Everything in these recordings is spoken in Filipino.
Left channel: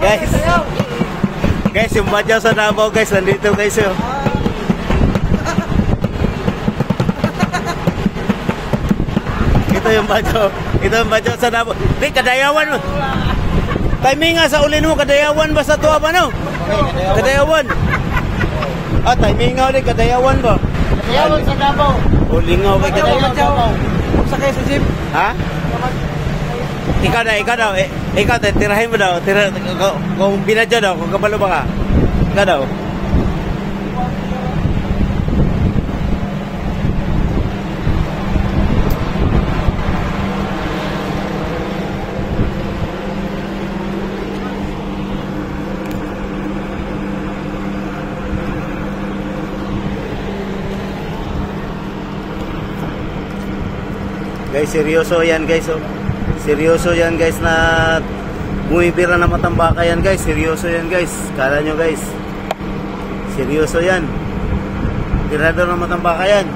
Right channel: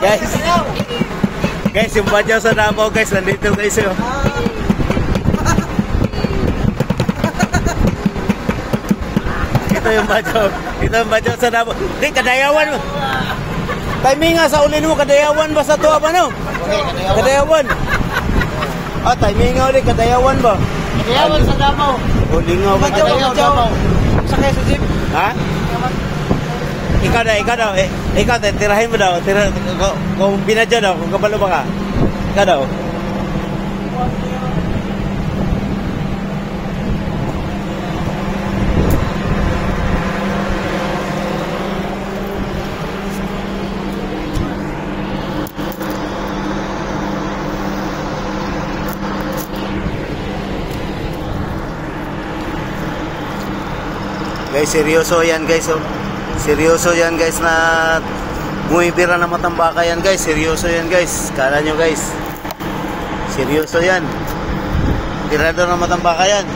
Guys. Guys, yung badyaw sa Davao guys, nandito guys yun. Ito yung badyaw. Ito yung badyaw sa Davao. Di, kadayawan mo. Timing nga sa ulin mo, kadayawan ba sa tuwa ba no? Kadayawan. Ah, timing nga ulit, kadayawan ba? Kadayawan sa Davao. Ulingaw ka Davao. Sakay sa jeep. Ha? Ikaw daw, tirahin mo daw, kung binadya daw, kung kabalo ba ka? Ikaw daw. Guys, seryoso yan guys, oh. Seryoso yan guys na bumibira na matambaka yan guys. Seryoso yan guys. Kala nyo guys. Seryoso yan. Tirador na matambaka yan.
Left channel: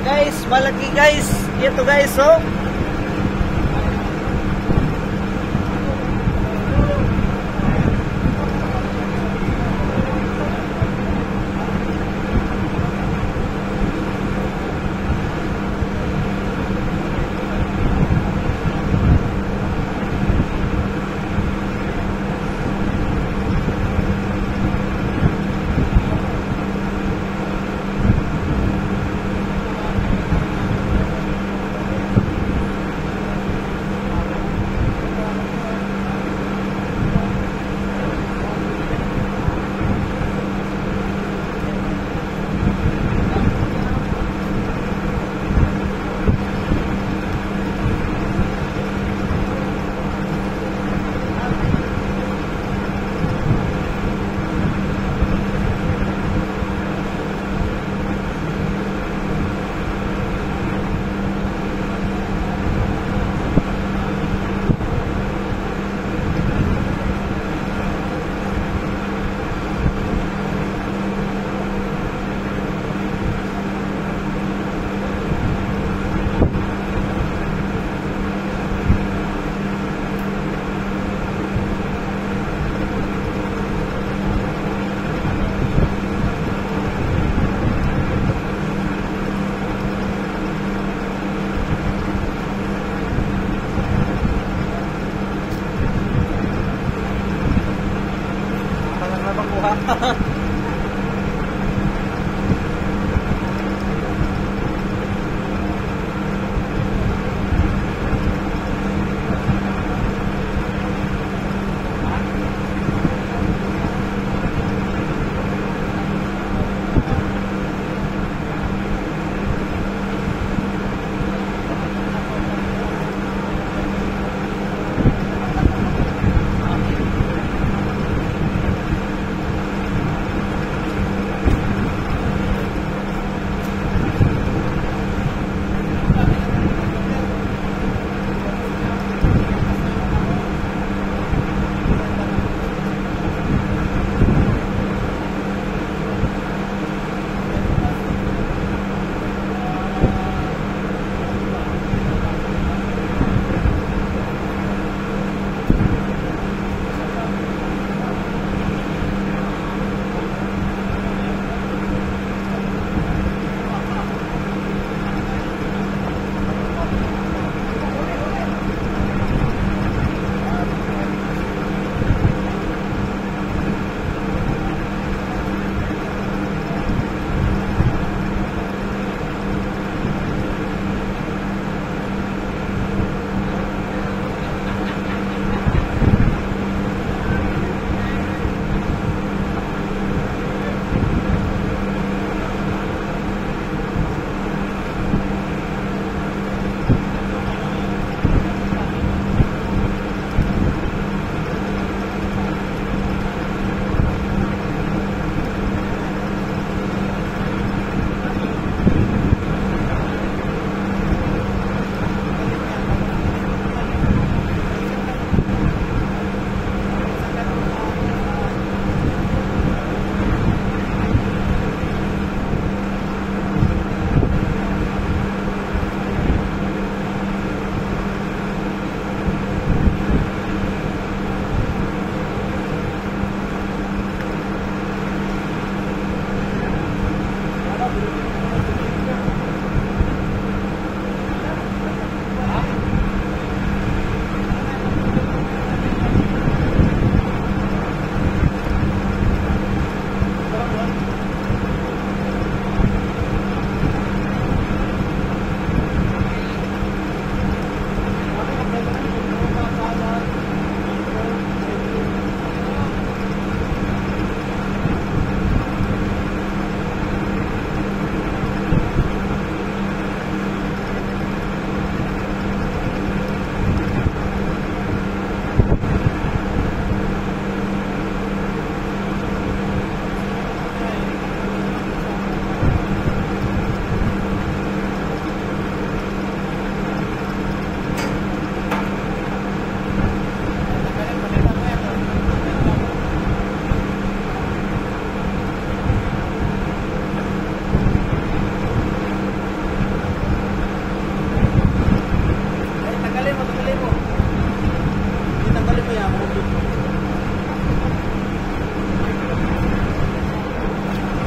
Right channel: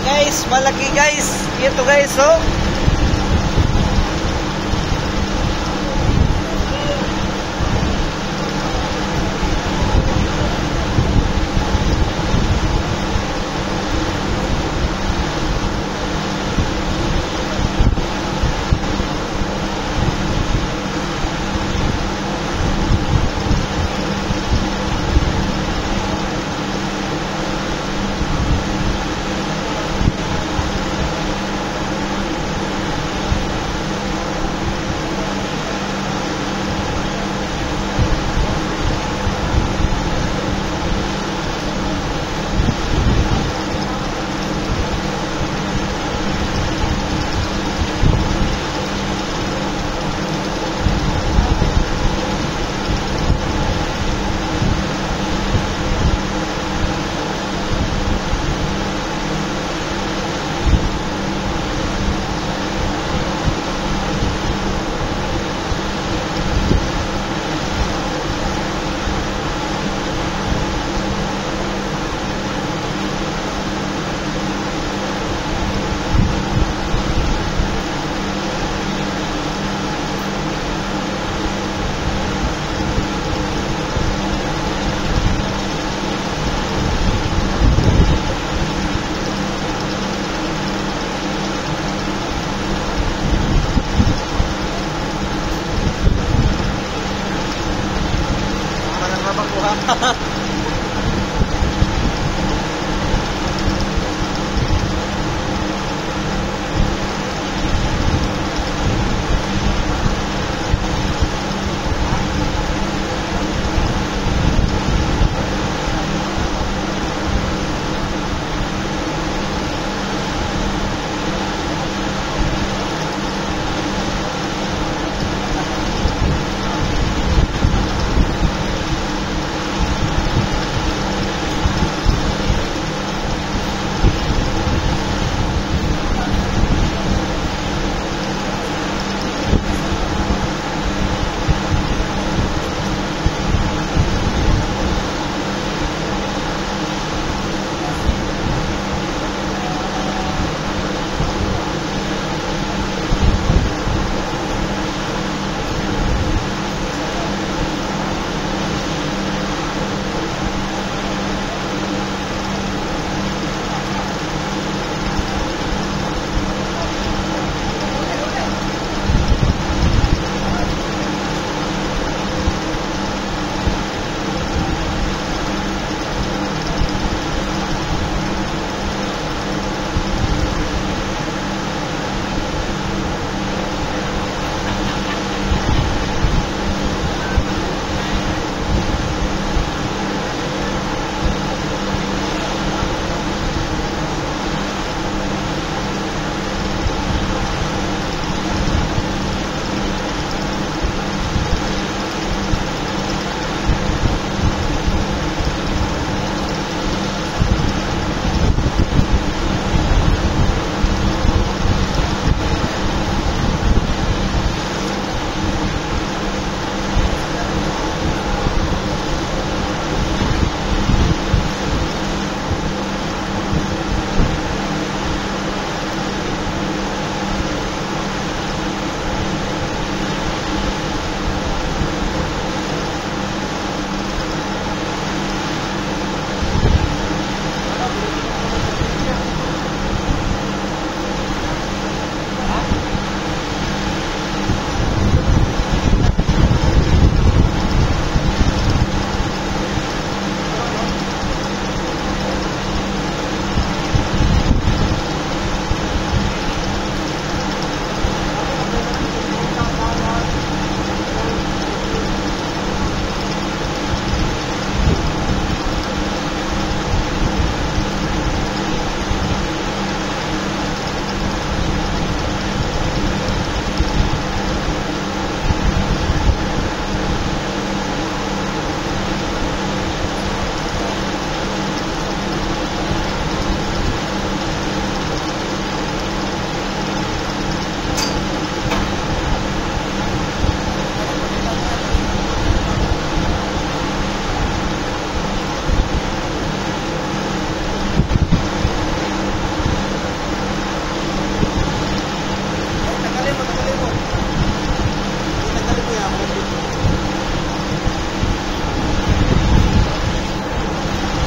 Guys, malaki guys. Ito guys, oh. para makuha.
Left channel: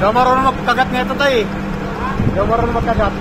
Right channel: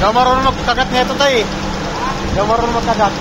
Ikaw marunong magpagat nito tayo eh. Ikaw marunong magpagat.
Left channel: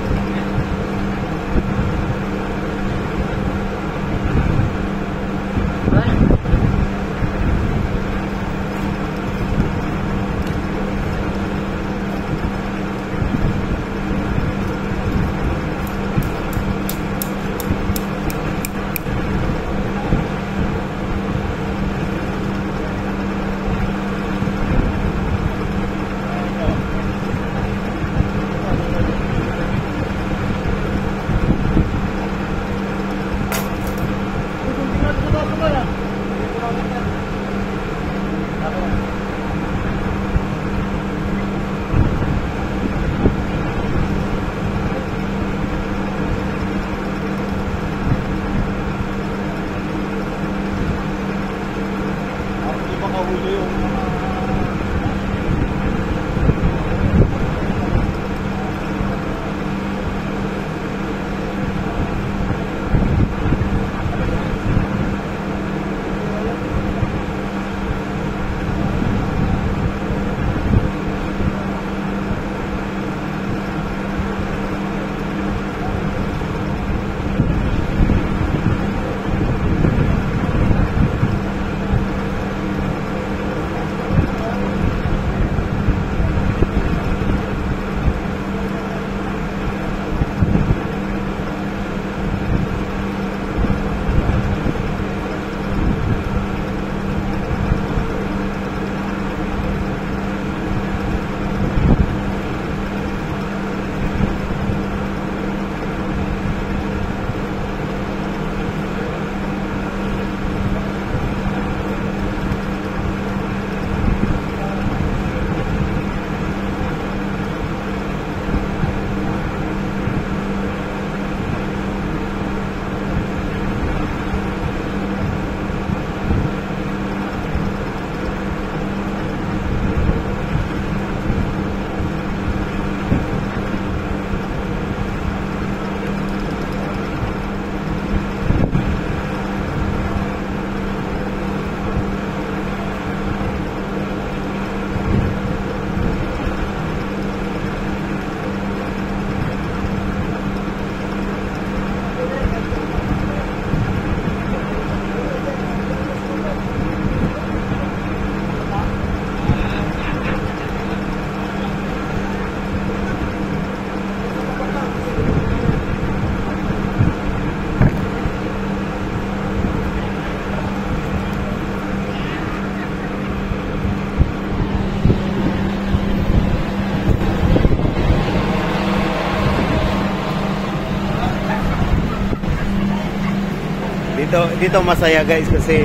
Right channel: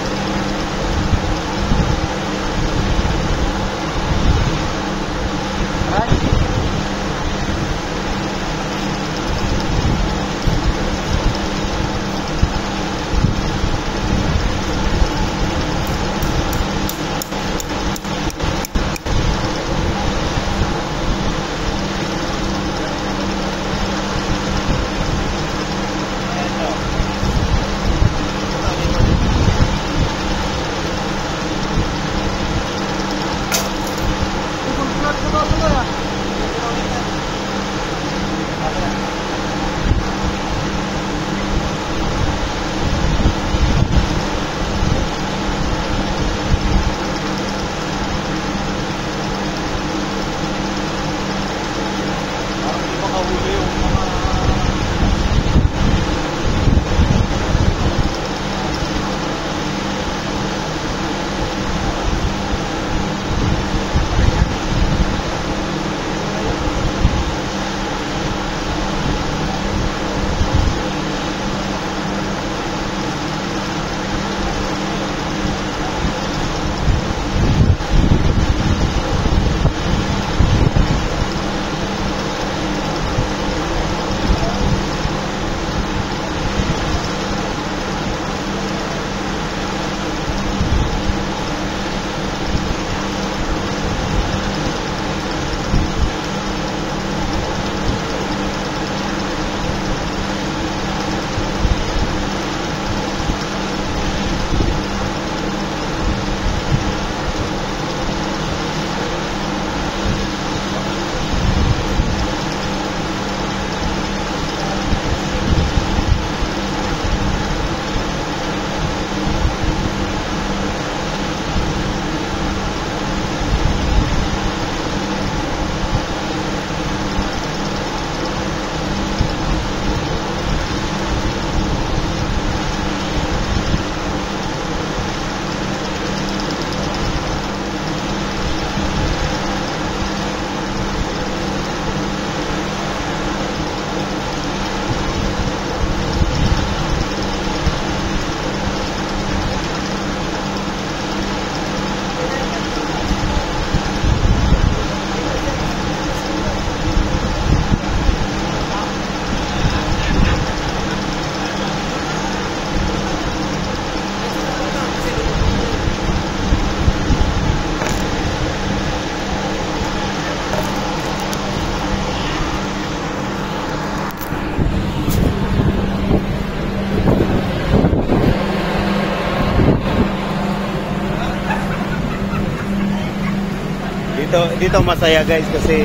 dito masaya guys kasi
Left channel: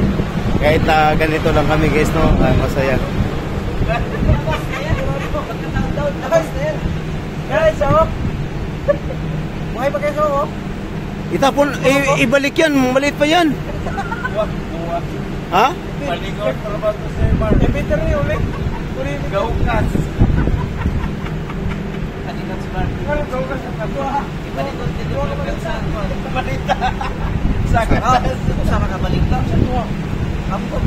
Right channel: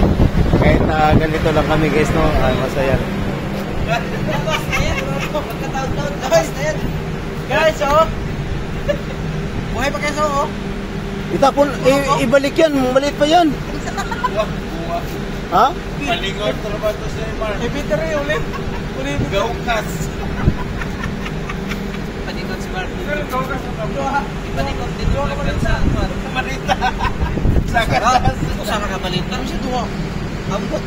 kahit na ganito lang kami guys no, ay masaya. Guys, oh. Buhay pa kayo, oh. Itapon, ibalik yan, maliit pa yan. Ha? Palingon, trabaho sa iba. Inventory ulit. Gaukas. Palingon sa bar. Gaukas sa bar. Palingon dito sa balita. Sa katas. Sa balita. Sa tuwa. Ambot.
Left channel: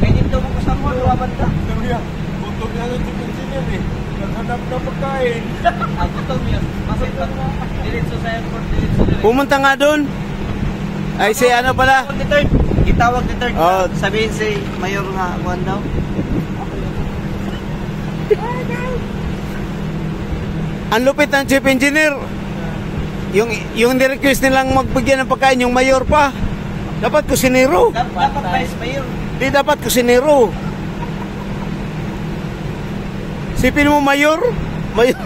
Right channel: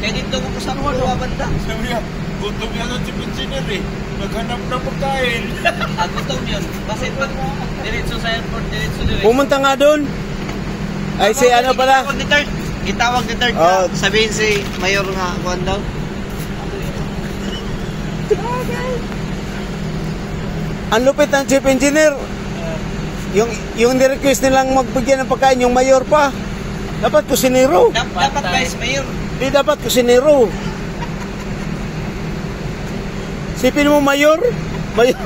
Kaya dito mo sa mga banda. Sabi niya, gutom yan ang chief engineer eh. Naghanap na pagkain. Gutom yun. Kasi pag diretso sa airport, diretso din. Pumunta nga doon. Ay si ano pala? Itawag ni third Oh. sabihin si Mayor nga kuan daw. Ang lupit ng chief engineer. Yung ni-request nilang magbigyan ng pagkain yung mayor pa. Dapat kusinero. Dapat vice mayor. Di dapat kusinero. Sipin mo mayor? Mayor.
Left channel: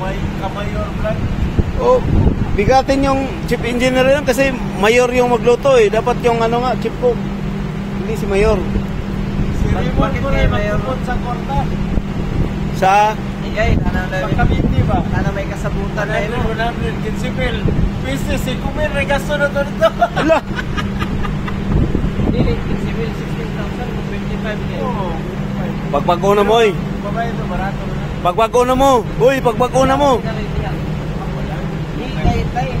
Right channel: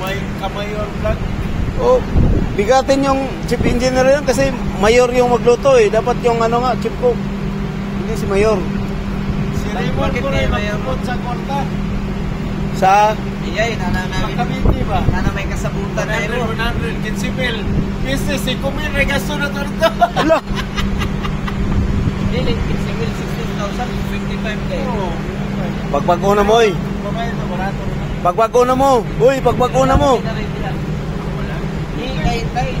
May kamayor vlog. Oh, bigatin yung chief engineer yun kasi mayor yung magluto eh. Dapat yung ano nga, chief cook. Hindi si mayor. Si Raymond po rin magtupot sa korta. Sa? Iyay, Pagkabiti ba? Nana may kasabutan na ito. 100, kinsipil. Business, si Kumir, may gasto na ito. Ala! Dili, kinsipil, 16,000, 55K. Oo. Pagbago na mo eh. Babae ito, barato na. Pagbago na mo. Uy, pagbago na mo.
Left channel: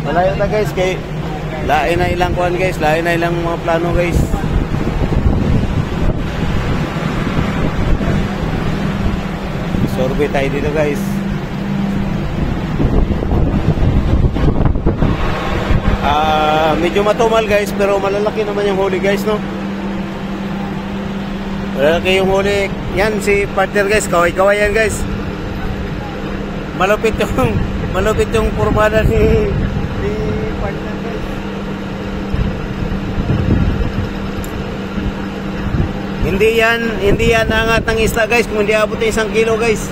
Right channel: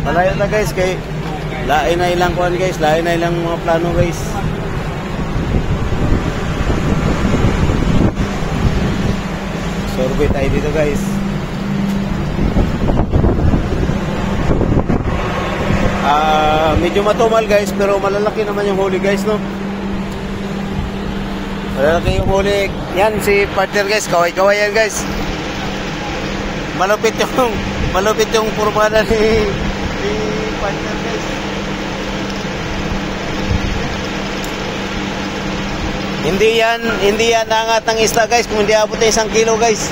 Malayo na guys kay lain na ilang kuan guys, lain na ilang mga plano guys. Survey tayo dito guys. Medyo matumal guys pero malalaki naman yung huli guys no. Malalaki yung huli. Yan si partner guys, kaway-kaway yan guys. Malupit yung purbada ni partner guys. Hindi yan angat ng isla guys kung hindi abot na 1 kilo guys.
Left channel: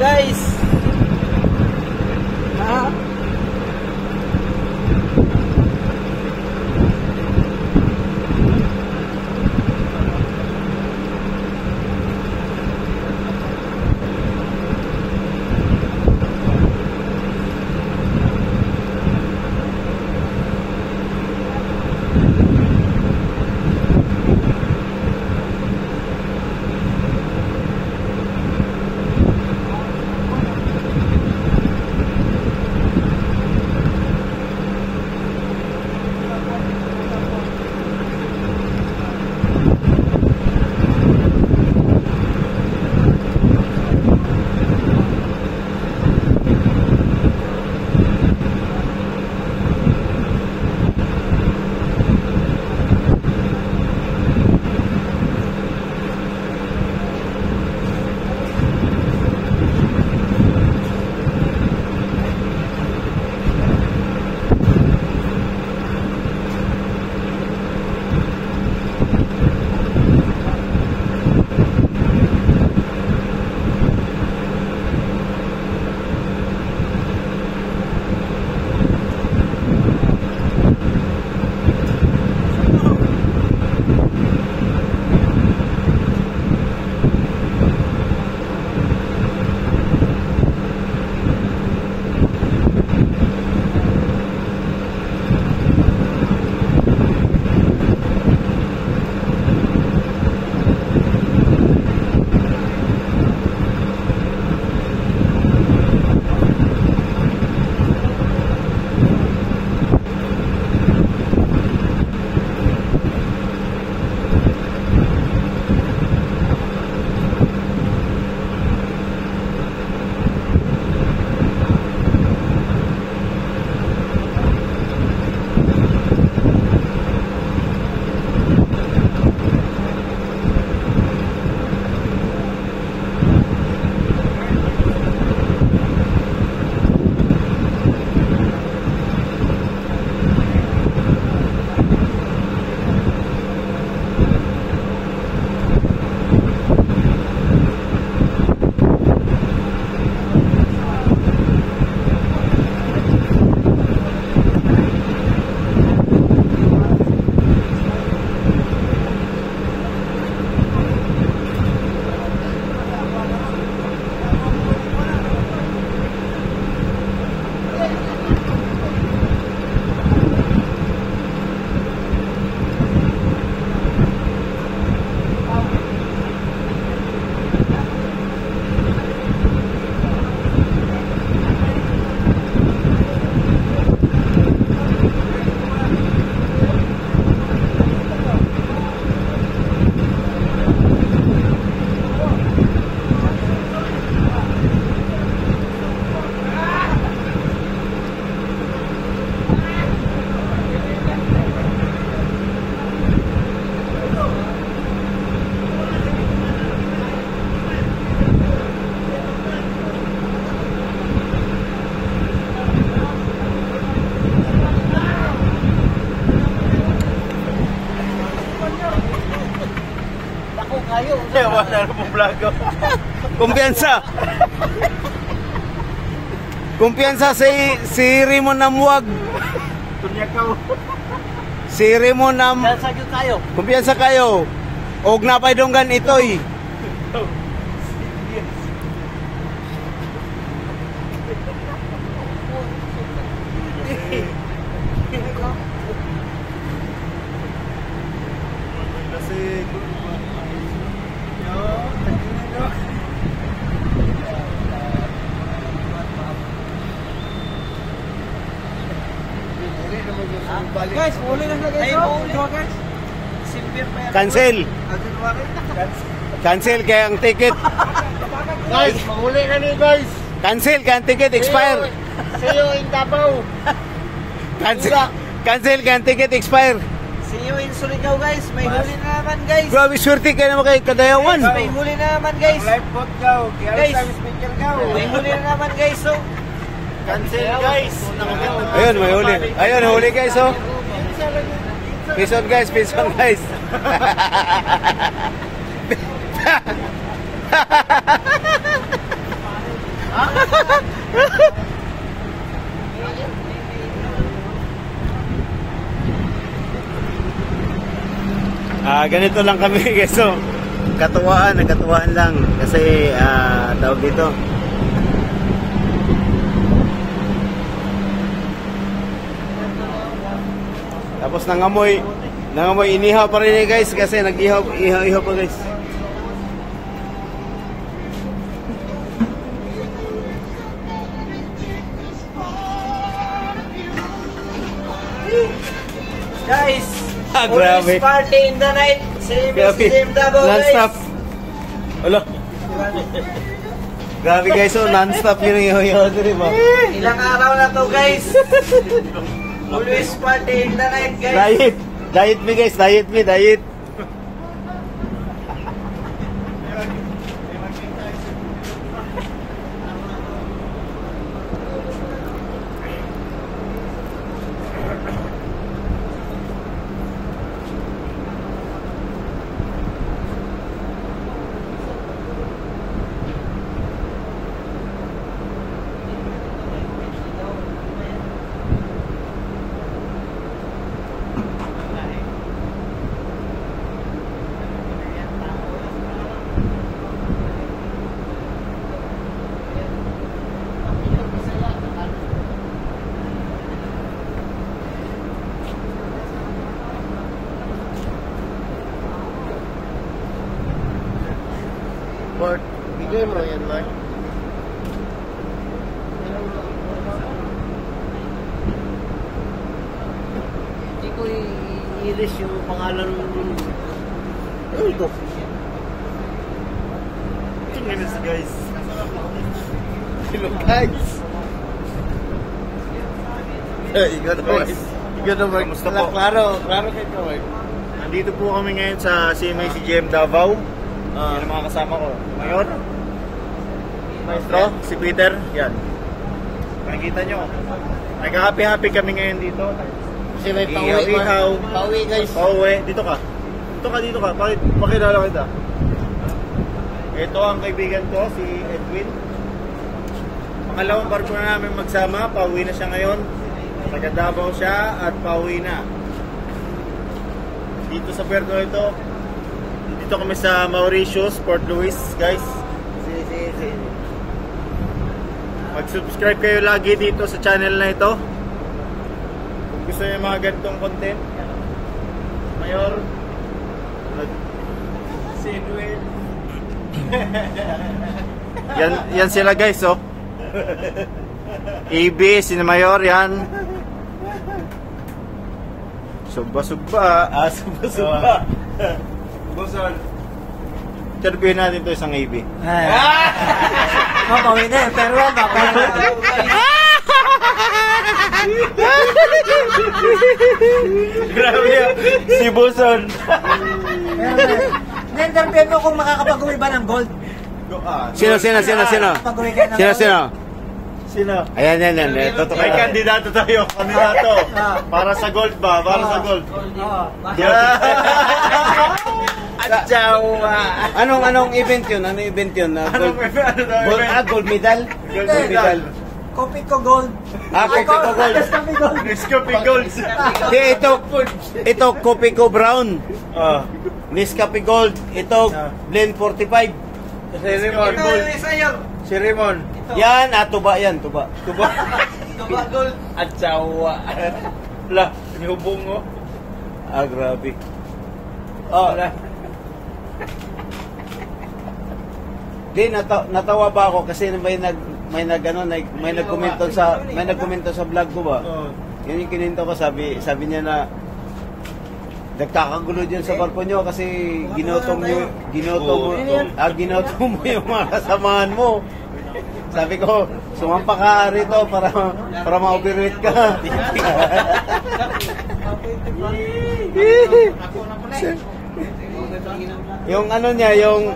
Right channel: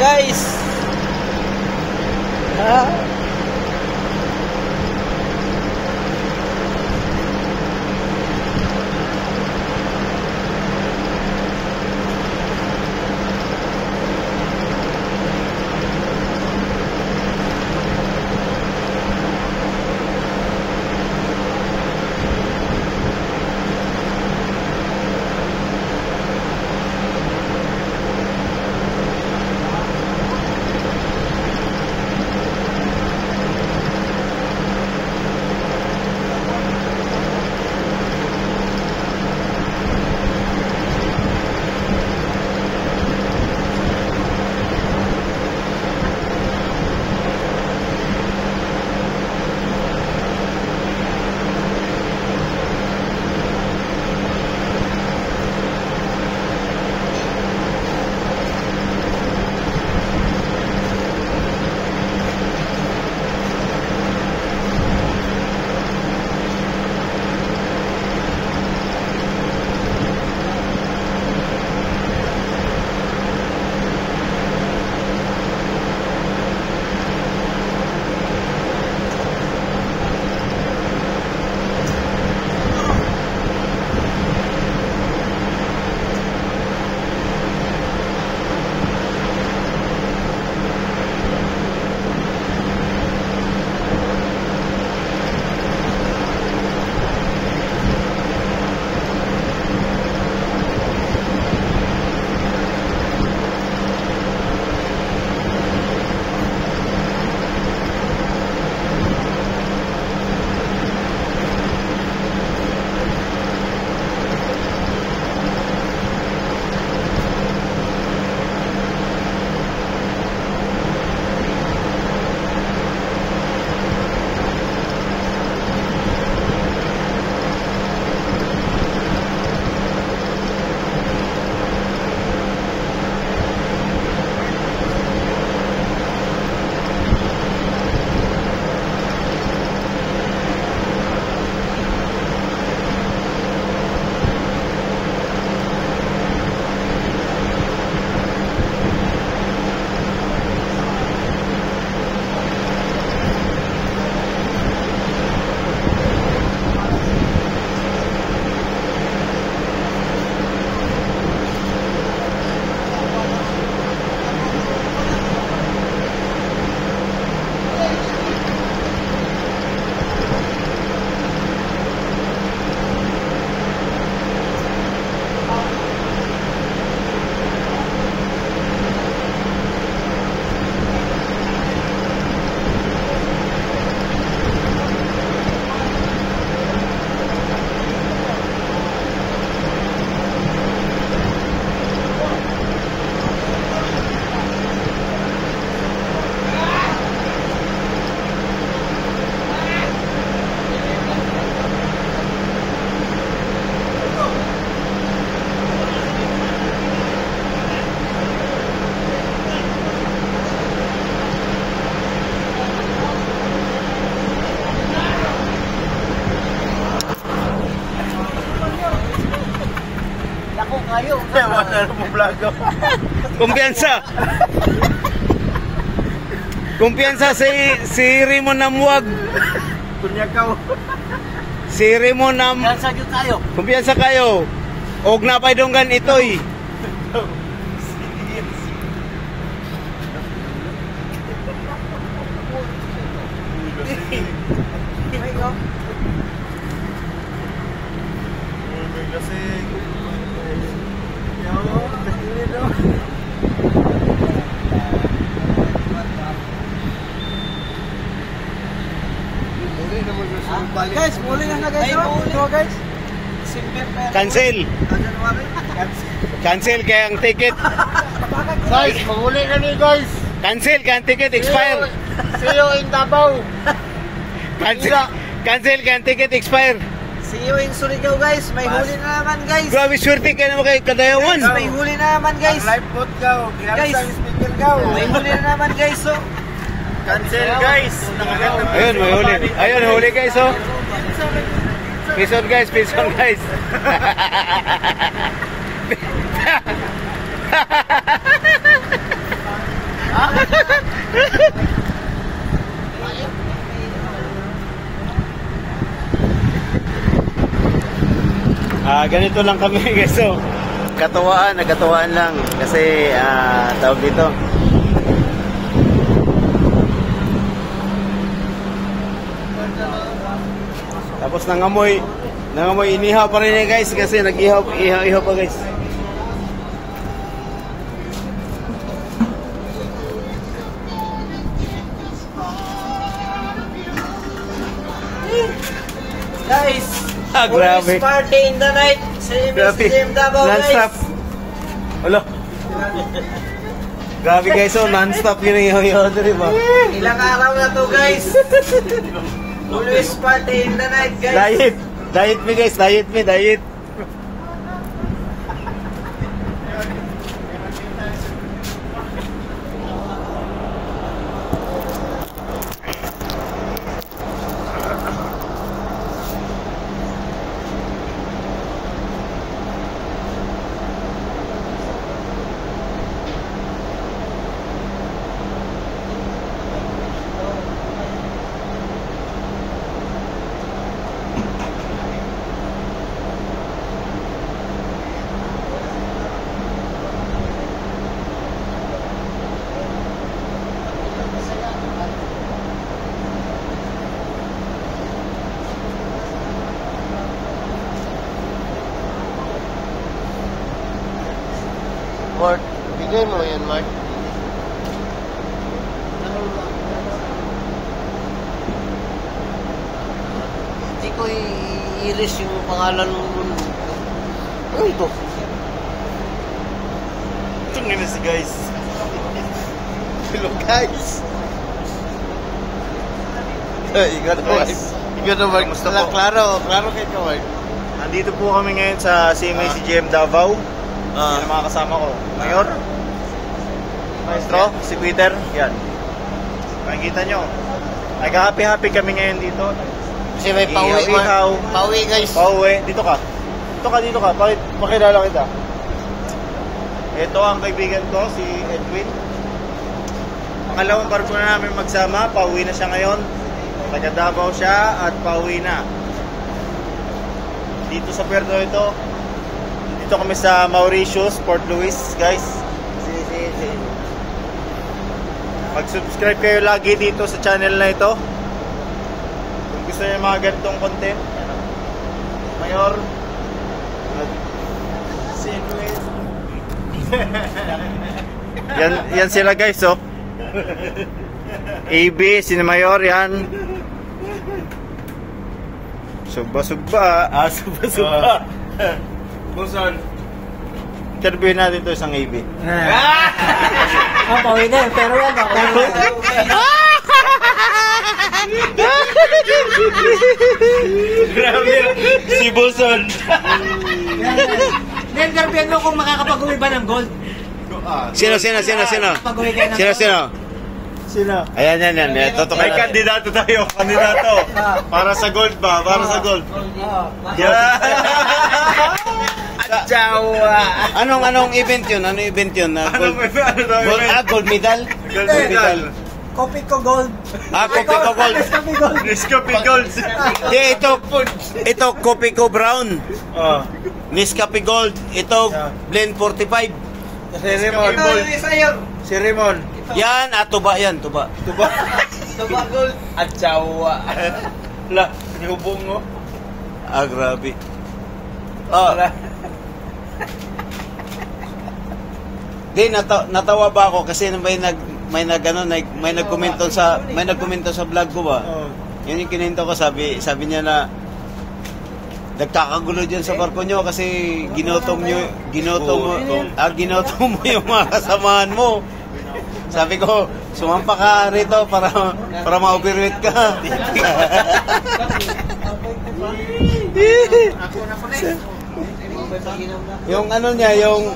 guys. Kumpiyansa. Kumpiyansa si Rimon Namuwag. Tunyakaw. Si Rimon Nam. Kumpiyansa kayo. Og napay donggan itoy. Guys, muli na guys. Guys. Simper pa yan. Cancel. Cancel kaya ang ticket. Guys, muli na ni guys. Cancel kaya ang ticket expire. See you in Davao. Cancel kaya ang ticket expire. See you in Surigao guys. May huli na naman guys. Grabe swerte kayo naman kay Kadayawan. May huli na naman guys. Live pod gaw. Guys, may huli na naman guys. So, Cancel guys. Ayun, may huli. Ayun, huli guys, oh. Peace on guys, peace on guys. Ganito lang kami guys. So, nagkatuwaan lang kasi tawag dito. Tapos nangamoy inihaw pa rin guys kasi nag-ihaw pa guys. Guys, Grabe. always party in the night. Same as Grabe. Jim Davao, Non-stop. guys. Wala. Grabe guys, so non-stop yun yung ihaw din ba? Ilang araw na to, guys. Always party in the night, guys. Diet me guys, diet. Mark, bigay mo yan, Mark. Hindi ko i-iris yung pangalan mo. Ano ito? Tingnan na si guys. Hello, guys. Ikaw na, Mark. Kamusta po? Klaro kay ka, Mark. Nandito po kami ngayon sa CMA-CGM Davao. Yung mga kasama ko. Mayor. Maestro, si Peter. Yan. Makikita nyo. Nag-happy kami ngayon dito. Kasi may pauwi, Mark. Ihaw. Pauwi, guys. Pauwi. Dito ka. Dito ka. Pakilala kita. Ito ang kaibigan ko, si Edwin. Pangalawang barko na namin magsama. Pauwi na siya ngayon. Taga Davao siya at pauwi na. Dito sa puerto ito. Dito kami sa Mauritius, Port Louis, guys. Mag-subscribe kayo lagi dito sa channel na ito. Kung gusto niyo mga ganitong content. Mayor. yan sila guys, oh. AB, si Mayor, yan. Sugba. Sugba. Buson. Interviewin natin to isang AB. Pauwi na. Pero Grabe. Si Buson. Nendarbeno kung makakapag-uwi ba ng gold. Sino? Kapag-uwi kayo ng gold. Sino? Ayan. Ito may kandidato tayo. Para sa gold ba? Para sa gold. Jawa. Anong event yun? Gold medal? Gold medal. Kopi ko gold. Kopi ko gold. Nescafe gold. Ito kopi ko brown. Nescafe gold. Ito blend 45. Si Raymond. Yan, tuba. Tuba gold. At Jawa. La, Nihubong mo. grabe. Natawa ba ako kasi may nagkomento sa vlog ko ba? Yan yung kininto ko, sabi niya na nagkakagulo diyan sa barko nyo kasi ginotom mo yung mga kasamahan mo. Sabi ko, sumampa ka rito para ma-overweight ka. Yung ano niya, yung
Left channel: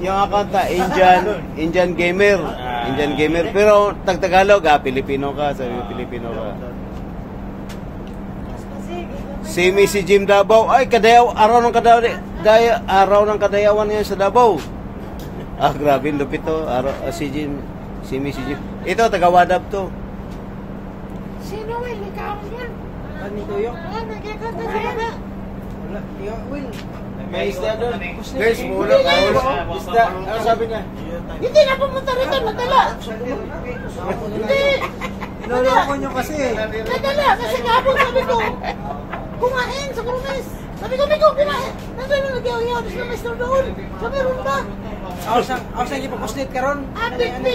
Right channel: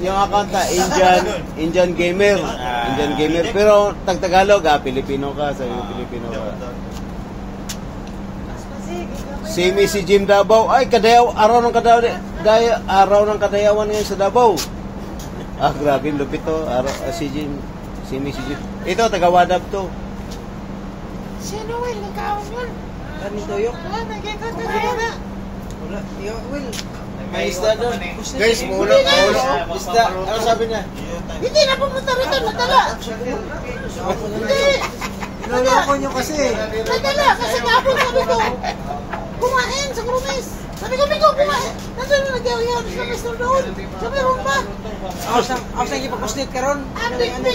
account na Indian gamer. Pero Tagalog, Pilipino ka, sabi mo Pilipino ka. Si Jim Davao, ay araw ng kadayawan ngayon sa Davao. Grabe, lupit to. Si Jin. Si Jin. Ito, taga-Wadab to. Sino, Will? Ikaw, Will? Ano tuyo? Nagkikot na wala. Wala. Will. May isda doon. Guys, muna. Isda. Ano sabi niya? Hindi na pumunta rito. Nadala. Hindi. Naloko nyo kasi. Nadala. Kasi kapon sabi ko. Kumain sa Krumis. Sabi ko, Miko, kumain. Nandun na nagyaw-yaw. Sa Mr. doon. Sabi, rumba. Ako sa ipapuslit ka ron. Hindi.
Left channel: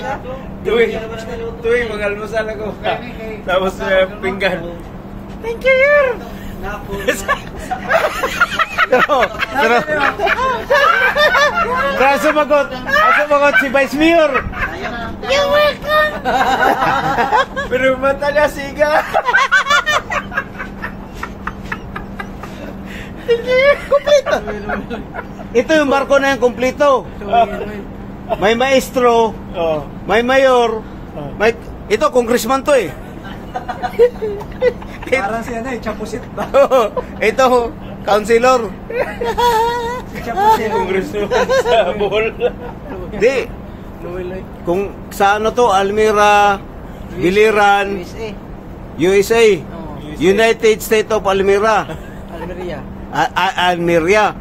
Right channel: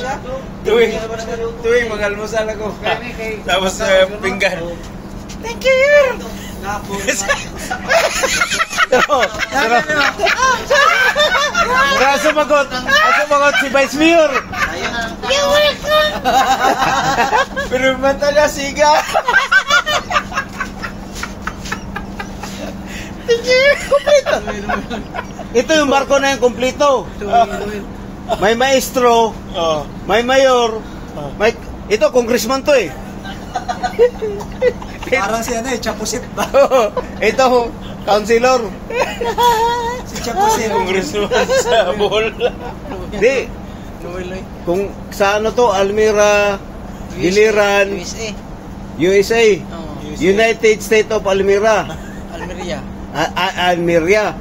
Tuwing mag-almusal ako. Tapos pinggan. Thank you, Yer. Sumagot si Vice Mayor. You're welcome. Pero mata niya siga. Ito yung barko na yung kumpleto. May maestro, may mayor, ito congressman to eh. Parang si ano eh, Chapusit ba? Ito, councilor. Si Chapusit. Congressman sa bol. Di, kung sa ano to, Almira, Biliran, USA. USA, Oh. United States of Almira. Almeria. Almeria.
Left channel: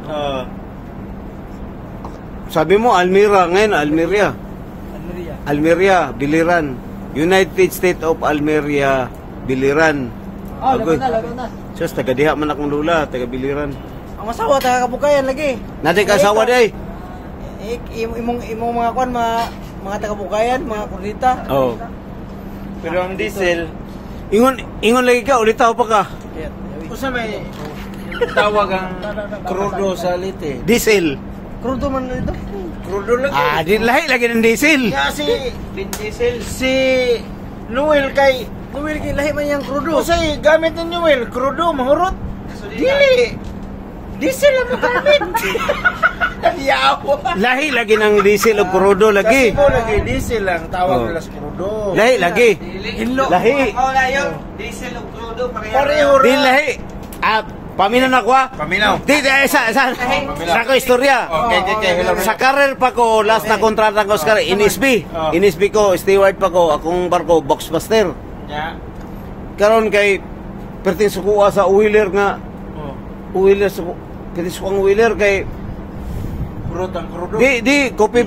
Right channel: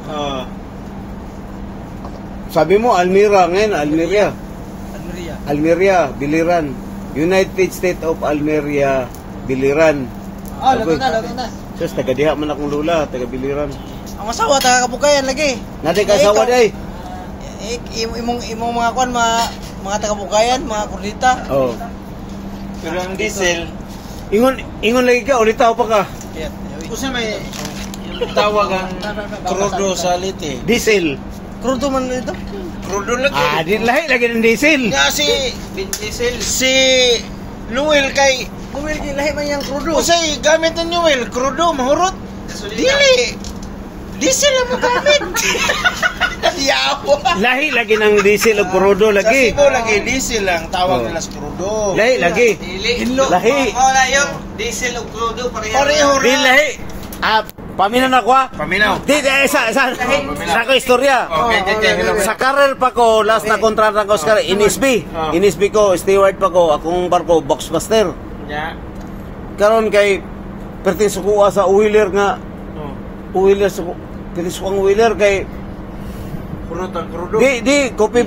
Sabi mo, Almira, ngayon, Almeria. Almeria. Almeria, Biliran. United States of Almeria, Biliran. Lagot na. Sus, taga-diha man akong lula, taga-Biliran. Ang asawa, taga-kabukayan lagi. Naday kasawa day. Imong mga kwan, mga taga-kabukayan, mga kurdita. Oh. Pero ang diesel, Ingon lagi ka, ulitaw pa ka. kung saan may tawag ang krudo sa liti? Diesel. Krudo man ito. Krudo lagi. Di lahi lagi ng diesel. Nga si Noel kay Kumil lahi man yung krudo. Usay gamit ng Noel, krudo, mahurot. Dili. Diesel ang magamit. Yawa. Lahi lagi ng diesel o krudo Sa lagi. Cebu lagi diesel lang tawag Oh. nila sa krudo. Lahi lagi. Lahi. na yun. Diesel o crudo. Pareho Di rin. lahi. Paminaw na ko ah. Paminaw. Di, sa ko istorya. Okay. Sa career pa ko, last na kontrata ko sa career, Inisby. Oh. Inisby ko, steward pa ko, akong barko, Boxmaster. Ya. Karon kay, perting sukuha sa wheeler nga, wheeler, kaya sukang wheeler kay, Krudo. di, coffee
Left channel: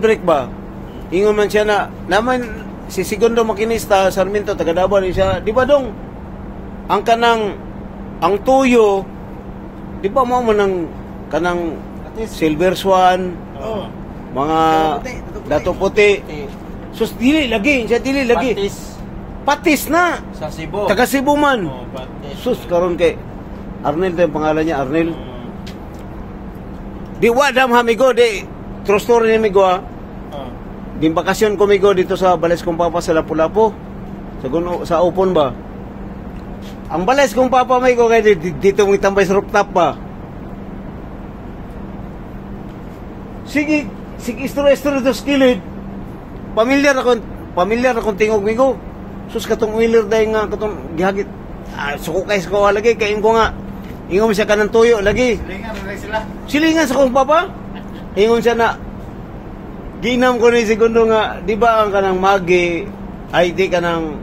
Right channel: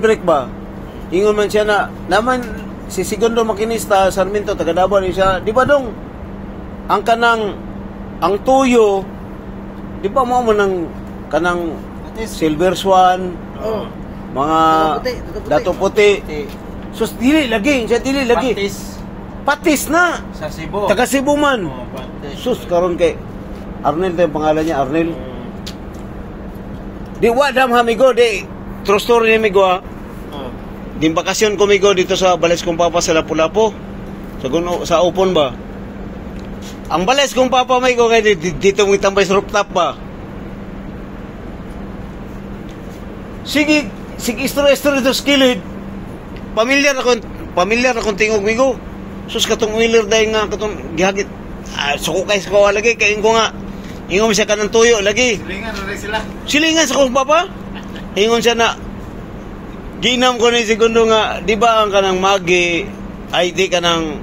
break ba? Ingon man siya na, naman, si Segundo Makinista, Sarmiento, taga-Davao rin siya, di ba dong, ang tuyo, di ba mo ng kanang Silver Swan, mga Dato Puti. Sus, dili lagi, siya dili lagi. Patis na. Sa Cebu. Taga Cebu man. Patis. Sus, karon kay Arnel to yung pangalan niya, Arnel. Di wadam hamigo, di. True story ni amigo ha. Di bakasyon ko migo dito sa Balis kong Papa sa Lapu-Lapu. Sa Upon ba? Ang Balis kong Papa may ko kay dito mo itambay sa rooftop ba? Sige istorya to skilid. Pamilyar akong tingog migo. Sus katong wheeler dahil nga katong gihagit. Suko kay sa kawa lagi kay ingo nga. Ingon siya kanang tuyo lagi. Silingan na rin sila. Silingan sa kong papa. Ingon siya na ginam ko ni Segundo nga, di ba ang kanang magi ay di kanang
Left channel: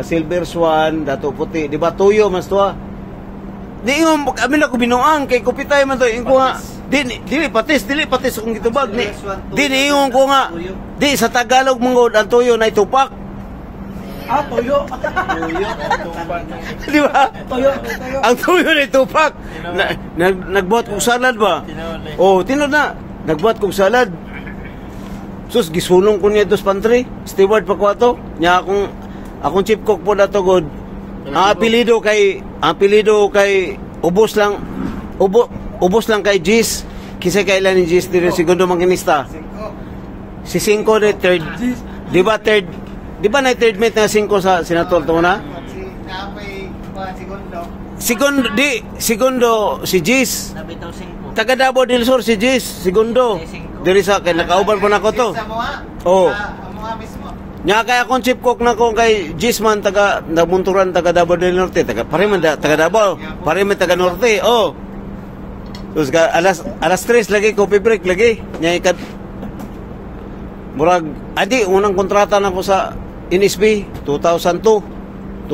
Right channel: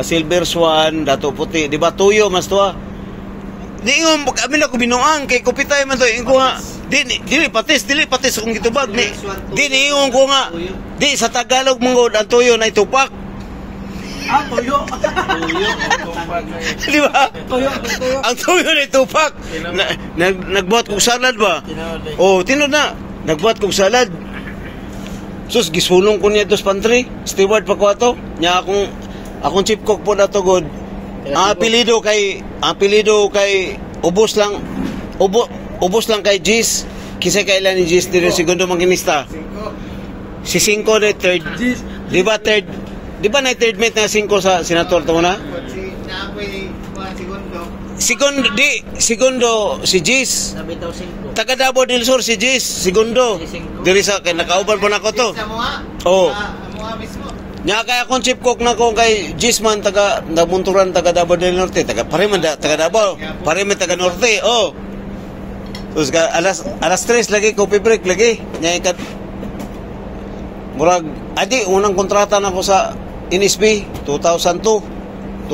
Silver Swan, Dato Puti, di ba tuyo mas tuwa. Di ingon amin ako binuang kay kupitay man to ingo nga. Dili patis kung gitubag ni. Di ingon ko nga. Di sa Tagalog mangod ang tuyo na itupak. Toyo. Di ba? Ang tuyo na itupak. Nagbuhat kong salad ba? Oh, tinod na. Nagbuhat kong salad. Sus, gisunong ko niya ito sa pantry. Steward pa ko ato. Nya akong chief cook po na to god. Ang apelido kay ubos lang kay Gis. Kisa kailan ni Gis dito Segundo Makinista. Si 5 na third. Di ba na third mate na 5 sa senator to na? Segundo si Gis. Taga Davao del Sur si Gis, Segundo. Diri sa kay nakauban po nako to. Oh. Nya kay akong chief cook nako kay Gis man taga Namunturan taga Davao del Norte, taga Davao, pare man taga Norte. Oh. Terus alas 3 lagi coffee break lagi. Nya murag adi unang kontrata na ko sa NSB 2002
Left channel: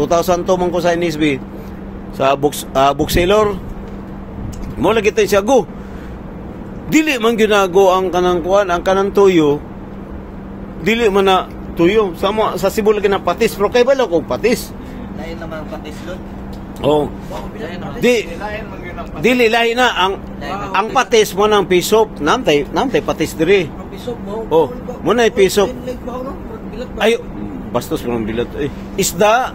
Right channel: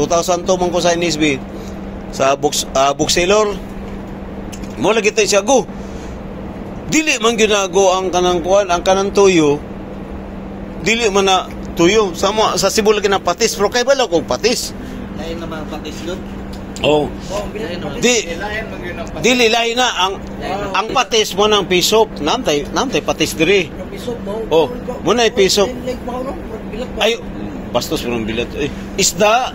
man ko sa NSB sa bookseller mo lagi tayo siya go dili man ginago ang kanang kuan ang kanang tuyo dili man na tuyo sa Cebu lagi na patis pero kay bala kog patis Ayun naman ang patis yun. oh dili lahi na ang patis mo ng pisok namtay patis diri oh mo na pisok ay bastos mo ng bilat isda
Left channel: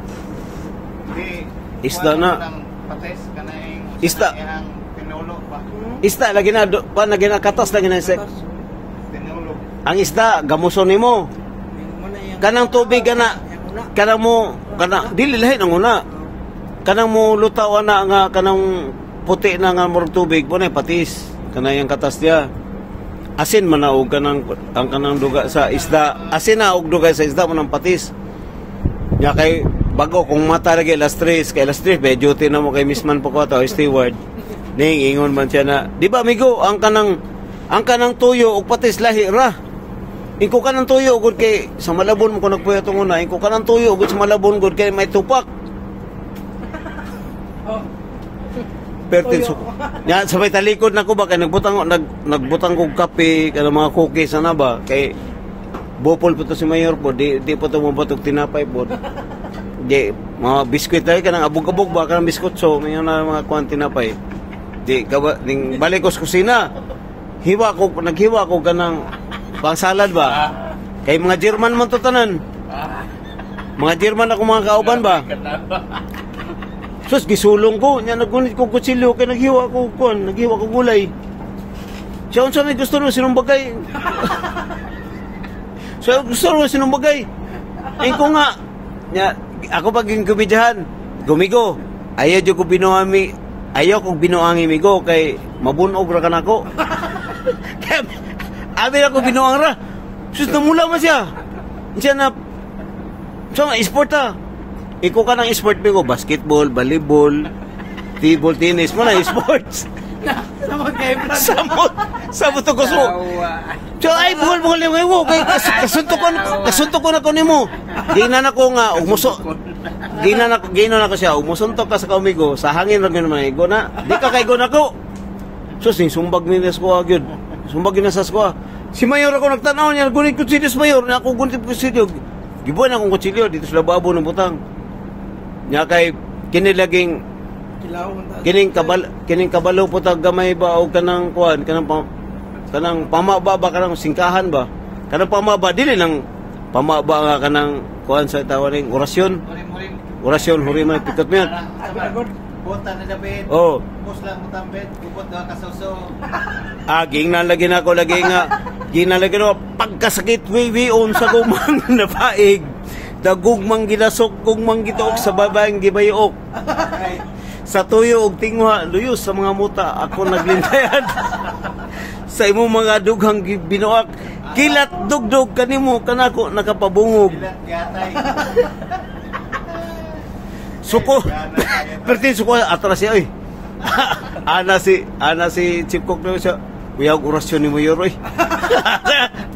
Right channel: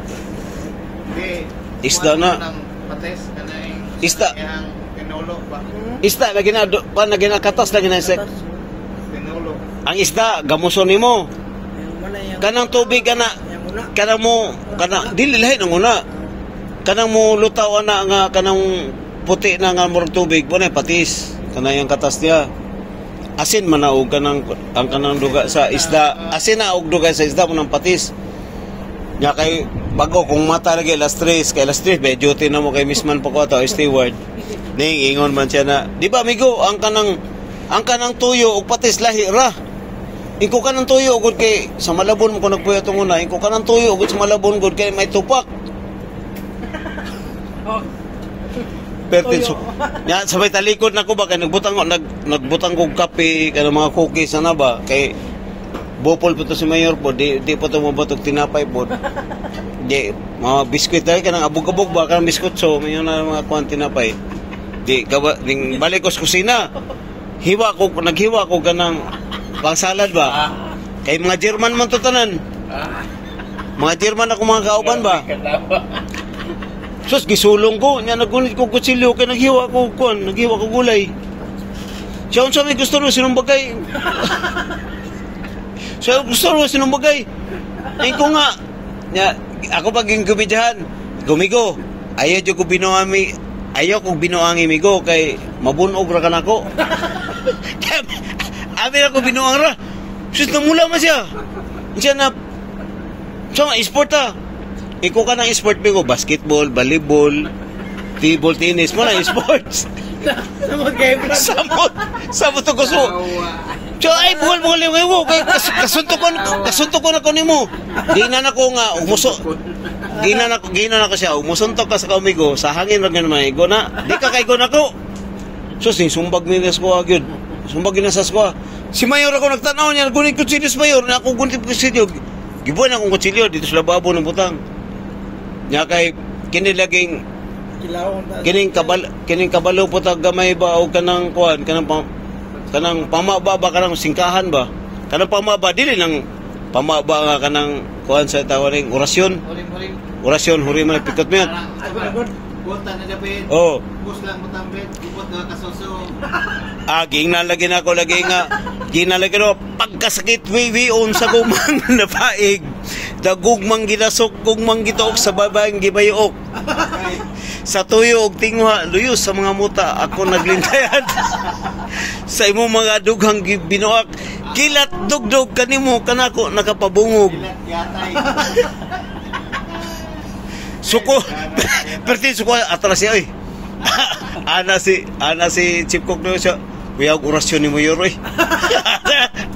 na isda lagi na lagi na katas lagi na set ang isda gamuson nimo kanang tubig kanang mo dili lahi nang una kanang mo lutaw na nga kanang puti na nga murag tubig mo na patis kanang yang katas dia asin man na og kanang ang kanang duga sa isda asin na og duga sa isda mo ng patis nya kay bago kung mata lagi last 3 kay last 3 be duty na mo kay misman po ko to steward ning ingon man siya na di ba amigo ang kanang tuyo og patis lahi ra ingko kanang tuyo gud kay sa Malabon mo ko nagpuyo tong una ingko kanang tuyo gud sa Malabon gud kay may tupak pertin nya sabay talikod nako ba kay nagbutang kog kape kana mga cookies na ba kay bopol po to si mayor po di po to mabatok tinapay po di mga biskuit ay kanang abog-abog ba kanang biskut so mayo na mga kuan tinapay di ning balik ko sa kusina naghiwa ko kanang pangsalad ba kay mga German man to tanan mga German ako mga kauban ba sus gisulong ko nya nagunit ko kutsilyo kay naghiwa ko gulay siya unsa may gusto ro sinumbagay so gusto ro sinumbagay ko nga nya ako paging kubidyahan gumigo ayaw ko binuangi migo kay mabunog ra kanako abi ako binuang ra sus namula man siya na so sport iko ka ng sport bigo basketball volleyball table tennis mo na sports samot to gusto so ay buhol lewo kay kasuntok ko na ko nimo di na nako nga umuso gina na ko siya umusuntok ka sa kaumigo sa hangin ra ganun maigo na di ka kay go nako so sumbag ni ko agad sumbag na sa ko si mayor ako nagtanaw niya gunit kutsilyo sa mayor na ako gunit kutsilyo gibuan akong kutsilyo dito sa lababo ng butang nya kay kinilaging kining kabalo po tag gamay ba o kanang kuan kanang pamaba ba kanang singkahan ba kanang pamaba dili nang pamaba nga kanang kuan sa tawaring orasyon huri man pikot mo Buta na gabit. Oh. Bus lang mo tambit. Gubot na kasuso. Ginalagin ako lagi nga. Ginalagin ako pagkasakit on sa gumang napaig. Dagugmang ginasok, gugmang gitook sa babayang gibayok. Sa tuyo og tingwa, luyos sa mga muta. Ako naglintayan. Sa imo mga dughang binuak. Kilat dugdog kanimo kanako nakapabungog. Kilat yatay. Suko. Pertin suko atras siya oy. ana si Chief Cook no siya. Kuya orasyon ni mo yoroy.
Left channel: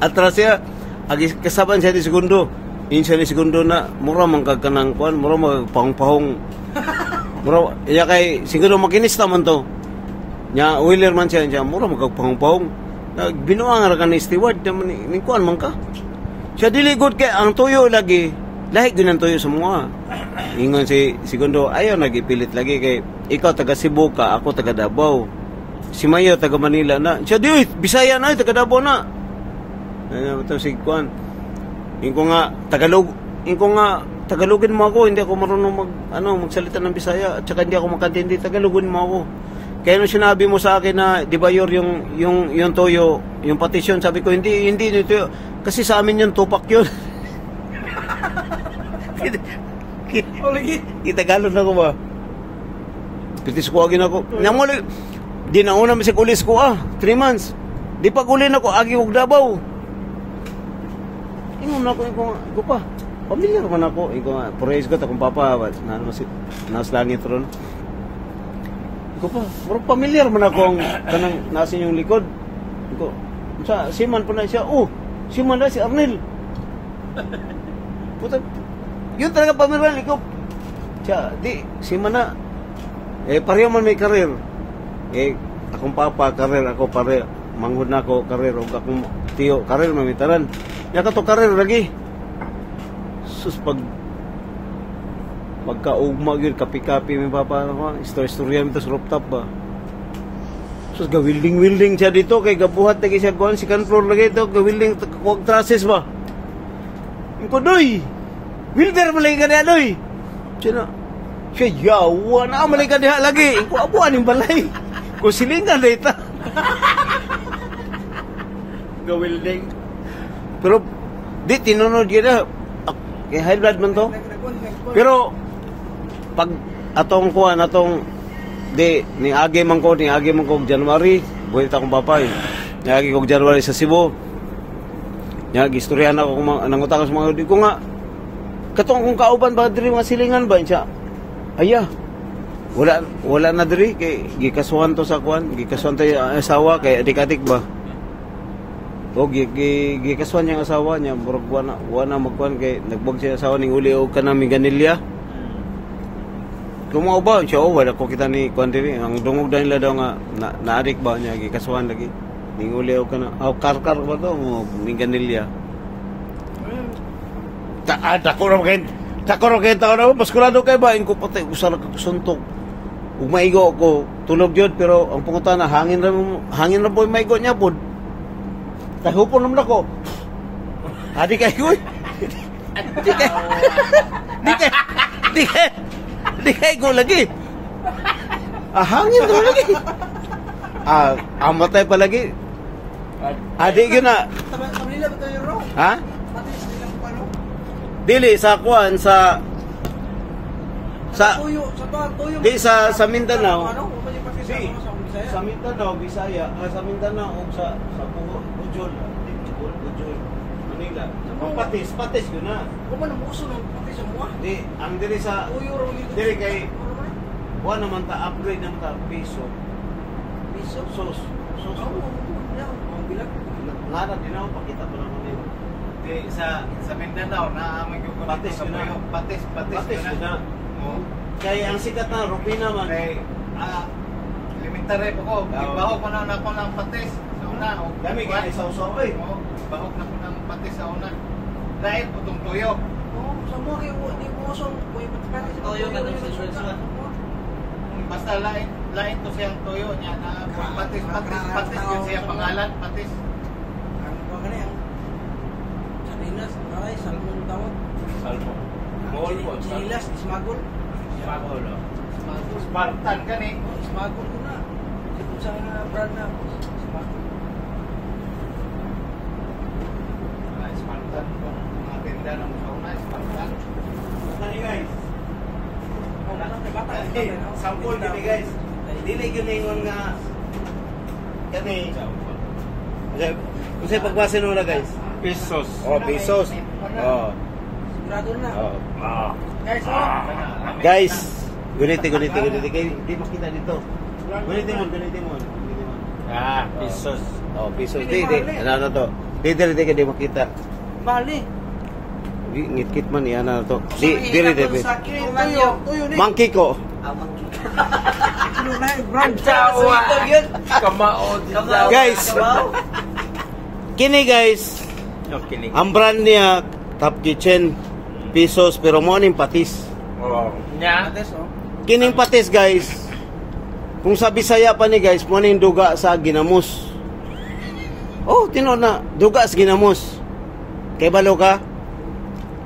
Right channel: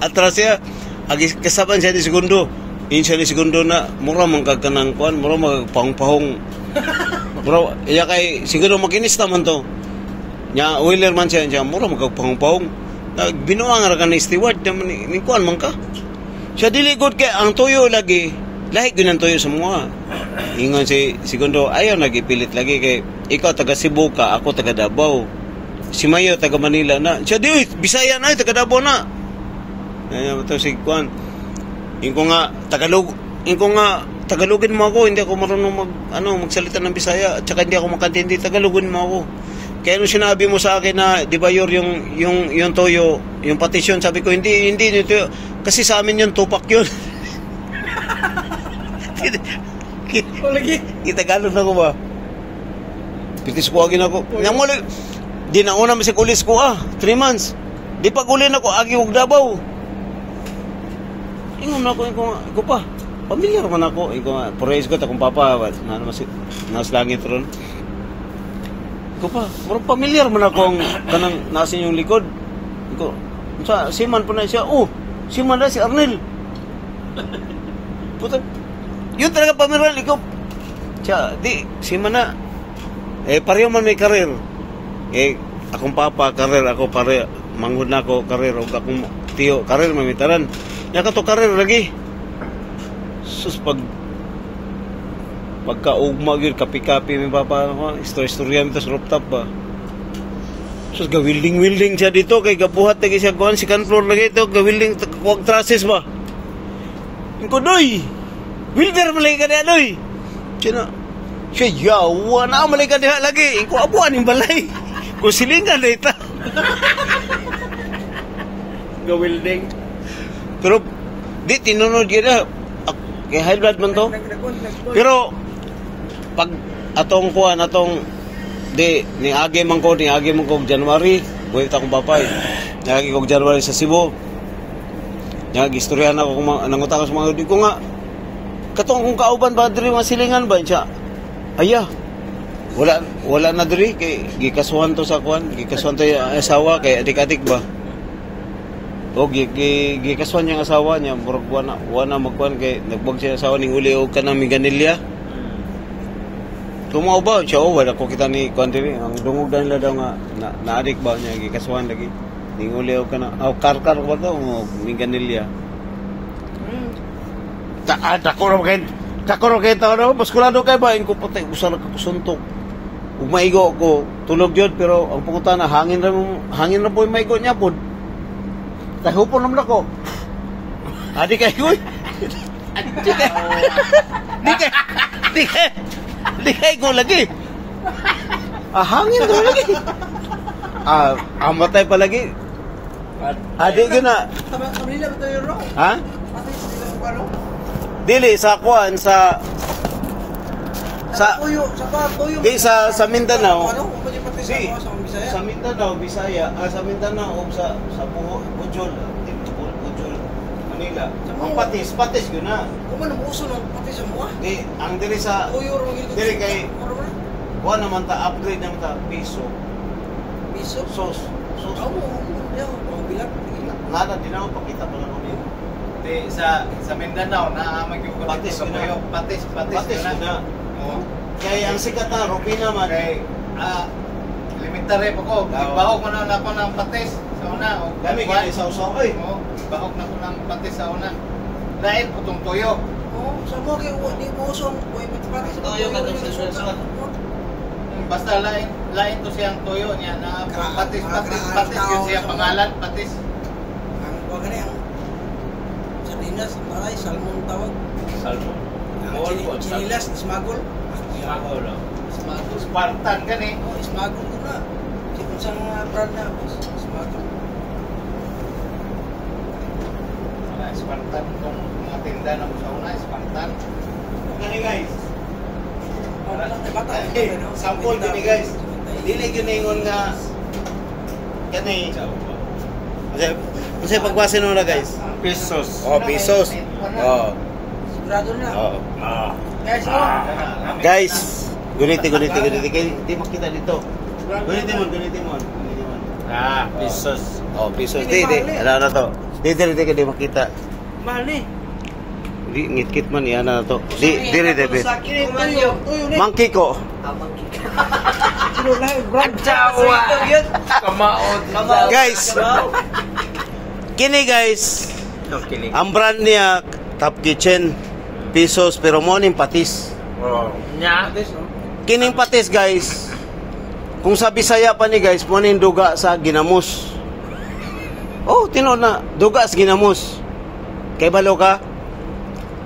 Atras siya. Agi kasaban siya ni segundo. Insa ni segundo na mura man kagkanang kuan, mura magpahong-pahong. Mura iya kay siguro makinis naman to. Nya wheeler man siya mura magpahong-pahong. Binuang ra kan steward ni kuan man ka. Siya dili good kay ang tuyo lagi. Lahi gyud ang tuyo sa mga. Ingon si segundo ayaw nagipilit lagi kay ikaw taga Cebu ka, ako taga Davao. Si Mayo taga Manila na. Siya di Bisaya na taga Davao na. Ayun to si kuan. Inko nga Tagalogin mo ako, hindi ako marunong magsalita ng Bisaya at saka hindi ako makantindi, Tagalogin mo ako. Kaya nung sinabi mo sa akin na di ba yung toyo, yung patisyon, sabi ko hindi nito kasi sa amin yung tupak yun. Tagalog na ko ba? Pitis ko agin ako. Yang muli, di na una misig ulis ko 3 months. Di pag ulin ako, agi huwag Davao. Ingon na ko pa. Pamilyar man ako. Praise ko, takong papa. Nas langit ron. Iko pa. Pero pamilyar man ako ang kanang nasa yung likod. Iko, siman po na siya. Si Manda, si Arnel. Puta. Yun talaga pamiran, ikaw. Siya, di, si Mana. Pareho man may karir. Akong papa, karir. Ako pare, manghud na ako, karir. O akong tiyo, karir, mamitaran. Yaka to karir lagi. Sus, pagkaugma yun, kapi-kapi may papa, istorya mo sa rooftop ba. Sus, gawilding-wilding siya dito, kay gabuhat lagi siya kuhan, second floor lagi ito, gawilding, kuwag trusses ba. Yung ko, doy, wilder malay ka niya, doy. Siya, yawa na, malay ka niya lagi. Yung ko, abuan yung balay. Kung silingan na ito. Gawilding. Pero, di, tinunod yun na. Kaya high blood man to. Pero, pag atong kuhan, niagi man ko January, buhay akong papay. Niagi ko January sa Cebu. Niagi, istoryahan ako kung nangutangan sa mga ko nga. Katong kung kauban ba, diri mga silingan ba? Siya, aya, wala na diri, kay gikasuhan to sa kuhan, gikasuhan to yung asawa, kay adik-adik ba? O gikasuhan yung asawa niya, murag wana magkuhan kay nagbog siya asawa ning uli og kanang ganilya. Tumaw ba siya wala ko kita ni kuhan diri, ang dungog dahil daw nga naadik ba niya gikasuhan lagi. Ning uli og kana karkar ba to ning ganilya. Takoro kay tao baskulado kay ba ko patay usara ko suntok. Ug maigo ko tulog jud pero ang pungutan na hangin na po maigo niya pod. Kahupon naman ako. Adi kayo. Di kay ko lagi. Hangin ko lagi. Amatay pa lagi. Adi yun na. Ha? Dili sa kuan sa Mindanao. Sa Mindanao, Bisaya, sa Mindanao o sa Bujol, Bujol, Manila. Ang patis gyud na. Kuman mo uso ng patis mo ah. Di ang diri sa diri kay wa naman ta upgrade ng ta piso. Sos. Bilang. Nada din ako pakita pa lang yun. Di sa Mindanao na magyud ko patis na. Patis Na. Kay ang sikat na Rupina man kay limitare po ko. Bahog man na ako ng patis sa una. Dami kay isaw-saw ay. Bahog na ko ng patis sa una. Lain putong toyo. Sa mo kay di mo usong boy patis. Toyo ka dun sa suwat. Basta lain to siyang toyo niya na patis yun siya pangalan patis. Ang bagay ang sardinas, maray, salmon tawag. Salmon. Chinilas, smagol. Smagol. Spartan kan eh. Smagol ko na. Kasi kung saan brand na, smagol. Spartan itong mga tinda ng sauna, Spartan. Kani guys. Bata. Sample gini guys. Dili gyud ingon nga kani. Kasi pagbasin mo na guys. Pesos. Pesos. Sigurado na. Guys, guniti kay di makita dito. Guniti mo. Pesos. Pesos di. Ano to? Di kay makita. Mahal ni. Di ngitkit man yan na to. Di. Monkey ko. Guys. Kini guys. Ang brand niya Top Kitchen. Pesos pero mo ning patis. Kining patis guys. Kung sa Bisaya pa ni guys, mo ning duga sa ginamos. Tino na, duga sa ginamos. Kay balo ka?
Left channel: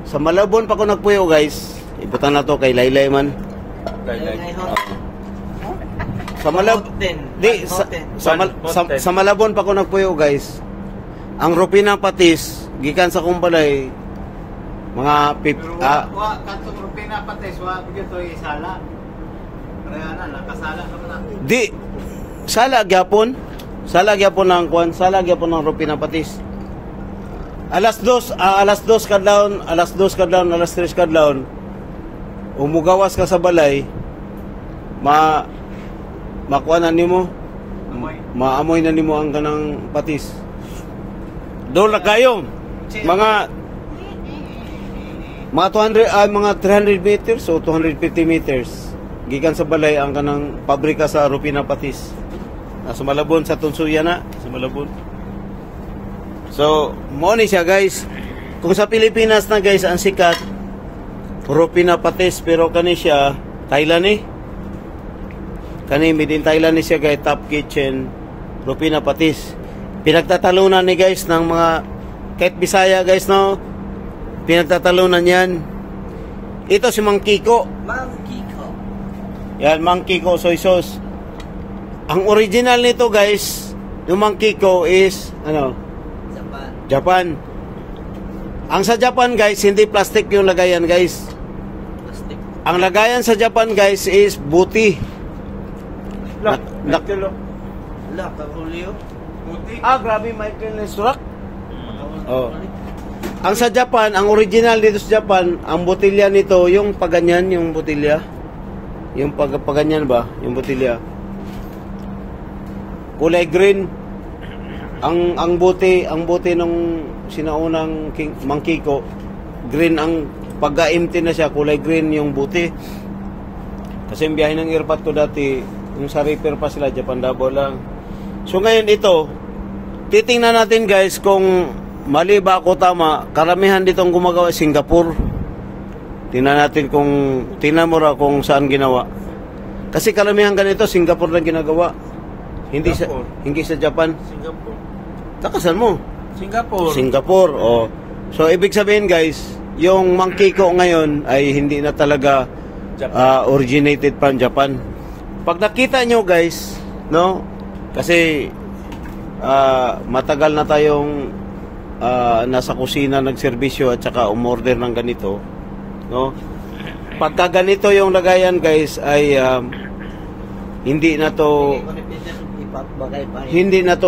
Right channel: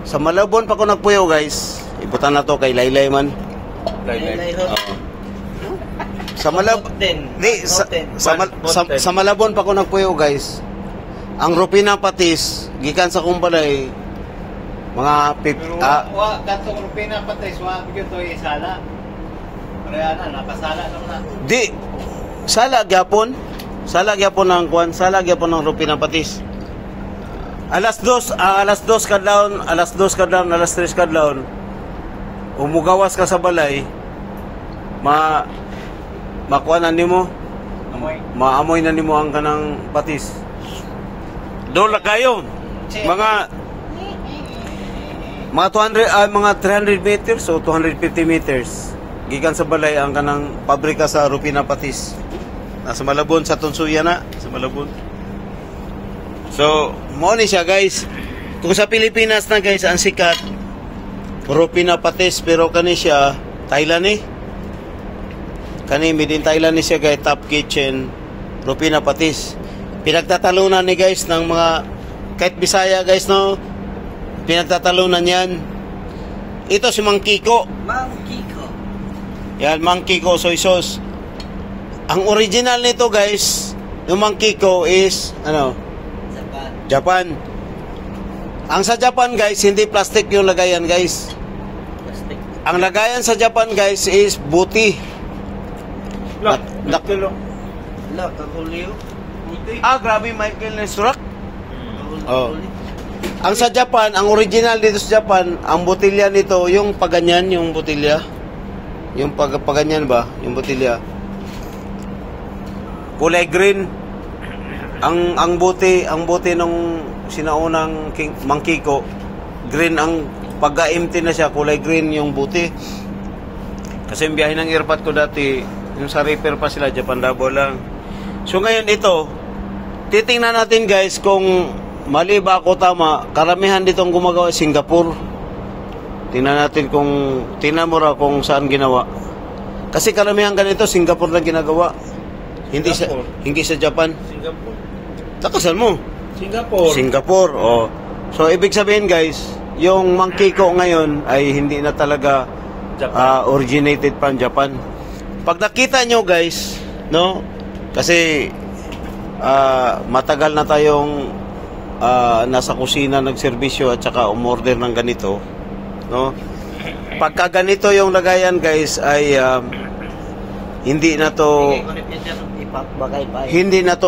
Sa Malabon pa ko nagpuyo guys. Ibutan na to kay Laylay man. Sa Malabon pa ko nagpuyo guys. Ang Rupina patis gikan sa kumbalay mga katong Rupina patis wa gyud to isala. Kaya nakasala naman na. Di sala gyapon ang kuan, sala gyapon ang Rupina patis. Alas 2 kadlawon, alas 3 kadlawon. Umugawas ka sa balay. Makuha na nimo. Maamoy na nimo ang kanang patis. Doon lang kayo. Mga 200 mga 300 meters o 250 meters. Gikan sa balay ang kanang pabrika sa Rupina Patis. Nasa Malabon sa Tunsuya na, sa Malabon. So, mo ni siya guys. Kung sa Pilipinas na guys ang sikat Rupina Patis, pero kani siya Thailand eh. Kani made in Thailand siya guys, Top Kitchen Rupina Patis. Pinagtatalunan ni guys ng mga kahit Bisaya guys no. Pinagtatalunan yan. Ito si Mang Kiko. Mang Kiko. Yan, Mang Kiko soy sauce. Ang original nito guys, yung Mang Kiko is ano? Japan. Ang sa Japan guys, hindi plastic yung lagayan guys. Plastic. Ang lagayan sa Japan guys is buti. Kakulio. Grabe Michael Nesrak. Oh. Ang sa Japan, ang original dito sa Japan, ang botilya nito, yung paganyan, yung botilya. Yung paganyan ba? Yung botilya. Kulay green. Ang buti nung sinaunang Mang Kiko, green ang pagka-empty na siya, kulay green yung buti. Kasi yung biyahe ng airpot ko dati, yung sa repair pa sila, Japan Davao lang. So ngayon ito, titingnan natin guys kung mali ba ako tama. Karamihan ditong gumagawa Singapore. Tingnan natin tingnan mo raw kung saan ginawa. Kasi karamihan ganito Singapore lang ginagawa. Hindi sa Japan. Singapore. Takasan mo. Singapore. Oh. So ibig sabihin guys, yung Mang Kiko ngayon ay hindi na talaga originated from Japan. Pag nakita nyo guys, no? Kasi matagal na tayong nasa kusina nagserbisyo at saka umorder ng ganito, no? Pagka ganito yung lagayan guys ay hindi na to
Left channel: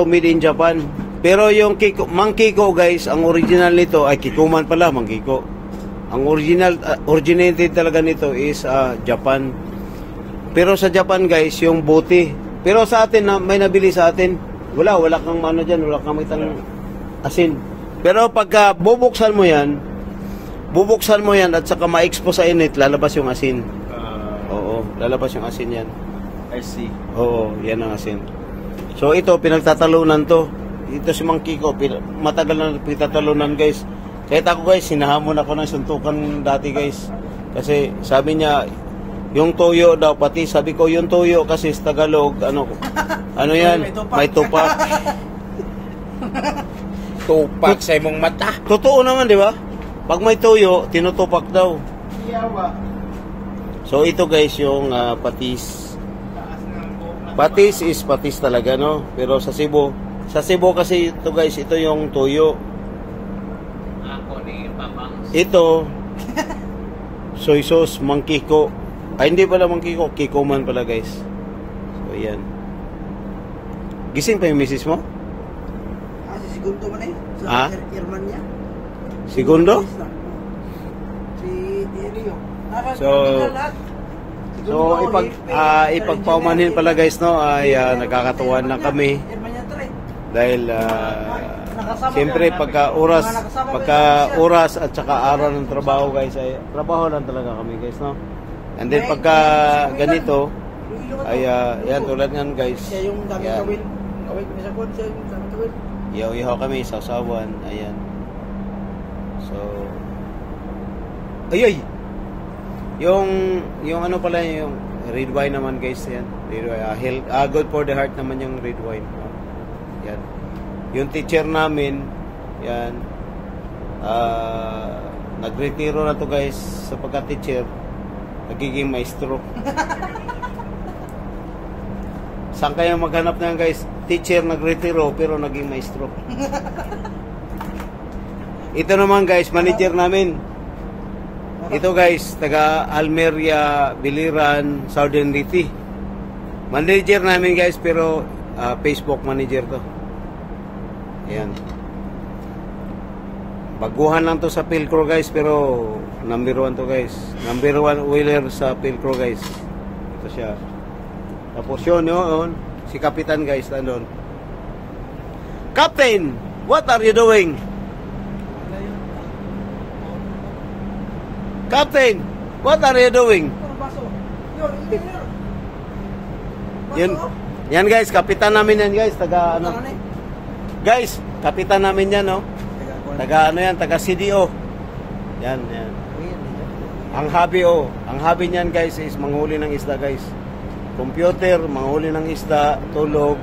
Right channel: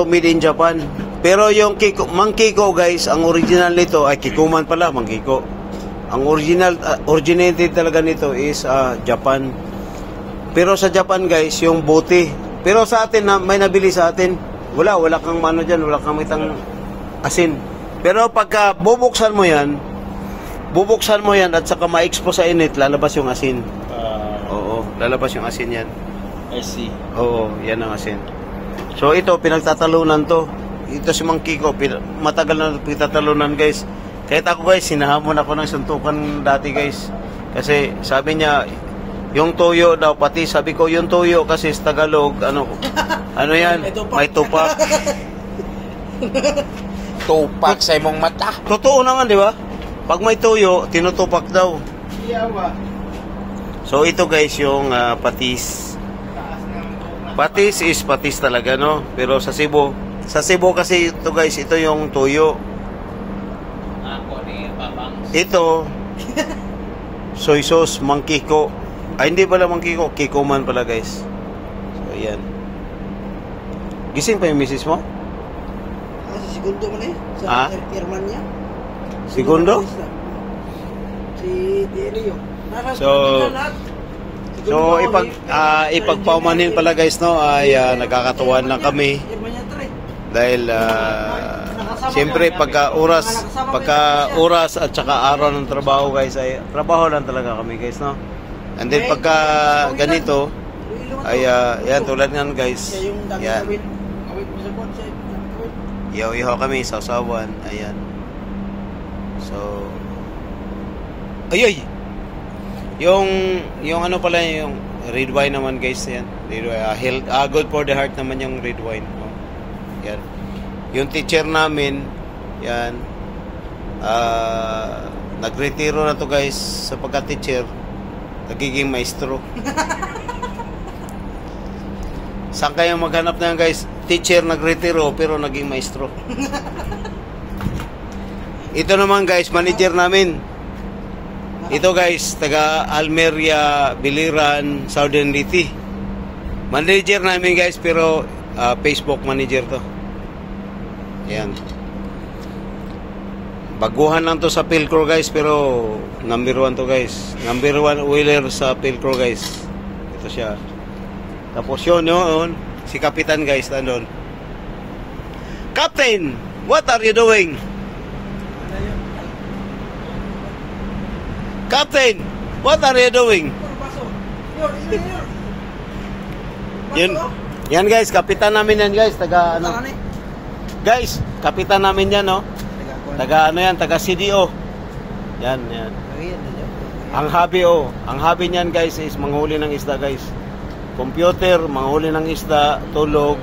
made in Japan. Pero yung Mang Kiko guys, ang original nito ay Kikuman pala, Mang Kiko. Ang originated talaga nito is Japan. Pero sa Japan guys, yung buti. Pero sa atin may nabili sa atin. Wala kang mano diyan, wala kang mitang asin. Pero pagka bubuksan mo yan at saka ma-expose sa init, lalabas yung asin. Oo, lalabas yung asin yan. I see. Oo, yan ang asin. So ito, pinagtatalunan to. Ito si Mang Kiko, matagal na pinagtatalunan guys. Kahit ako guys, sinahamon ako ng suntukan dati guys. Kasi sabi niya, yung toyo daw, pati sabi ko, yung toyo kasi sa Tagalog, ano yan, may tupak. Tupak sa imong mata. Totoo naman, di ba? Pag may toyo, tinutupak daw. So ito guys, yung patis. Patis is patis talaga, no? Pero sa Cebu kasi ito guys, ito yung toyo. Ito, soy sauce, Mang Kiko. Ay, hindi pala Mang Kiko, Kikuman pala guys. So, ayan. Gising pa yung misis mo? Segundo man eh. Sa airman niya. Segundo? Si Delio. So ipagpaumanhin pala guys, no, ay nagkakatuwan lang kami. Dahil siyempre pagka oras at saka araw ng trabaho guys, ay trabaho lang talaga kami guys, no. And then pagka ganito ay yan tulad nga guys. Yan. Ihaw kami sa usawan. Ayan. So Yung ano pala yung red wine naman guys, yan. Red wine, good for the heart naman yung red wine. Oh. Yan. Yung teacher namin, yan. Nagretiro na to guys sa pagka-teacher. Nagiging maestro. Saan kayo maghanap na yan guys? Teacher nagretiro pero naging maestro. Ito naman guys, manager namin. Ito guys, taga Almeria, Biliran, Southern Liti. Manager namin guys, pero Facebook manager to. Ayan. Baguhan lang to sa Pilcro guys, pero number 1 to guys. Number 1 wheeler sa Pilcro guys. Ito siya. Tapos yun, si Kapitan guys, nandun. Captain! what are you doing? Captain, what are you doing? Yun. Yan guys, kapitan namin yan guys, taga ano. Guys, kapitan namin yan, no. Taga ano yan, taga CDO. Yan, yan. Ang hobby niyan guys is manghuli ng isda guys. Computer, manghuli ng isda, tulog,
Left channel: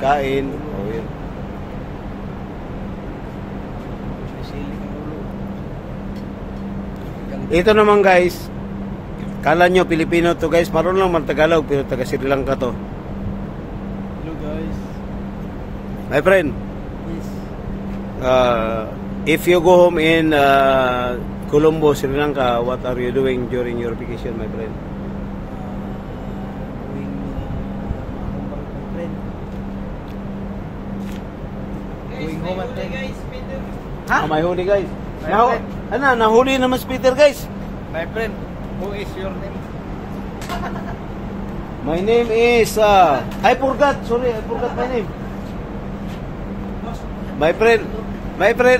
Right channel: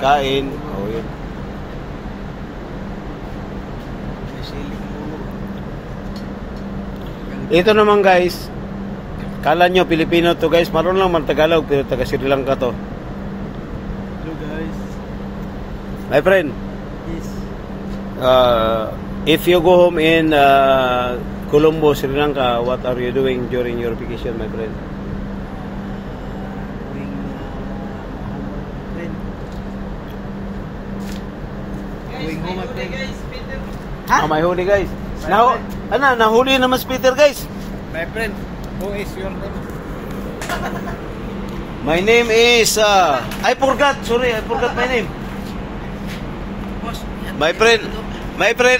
kain. Oh, yun. Ito naman guys, kala nyo Pilipino to guys, marunong lang man Tagalog pero taga Sri Lanka to. Hello guys. My friend, Yes. if you go home in Colombo, Sri Lanka, what are you doing during your vacation, my friend? Going home, my friend. Ah, may huli guys. Nahuli naman si Peter guys. My friend, who is your name? My name is I forgot my name. My friend,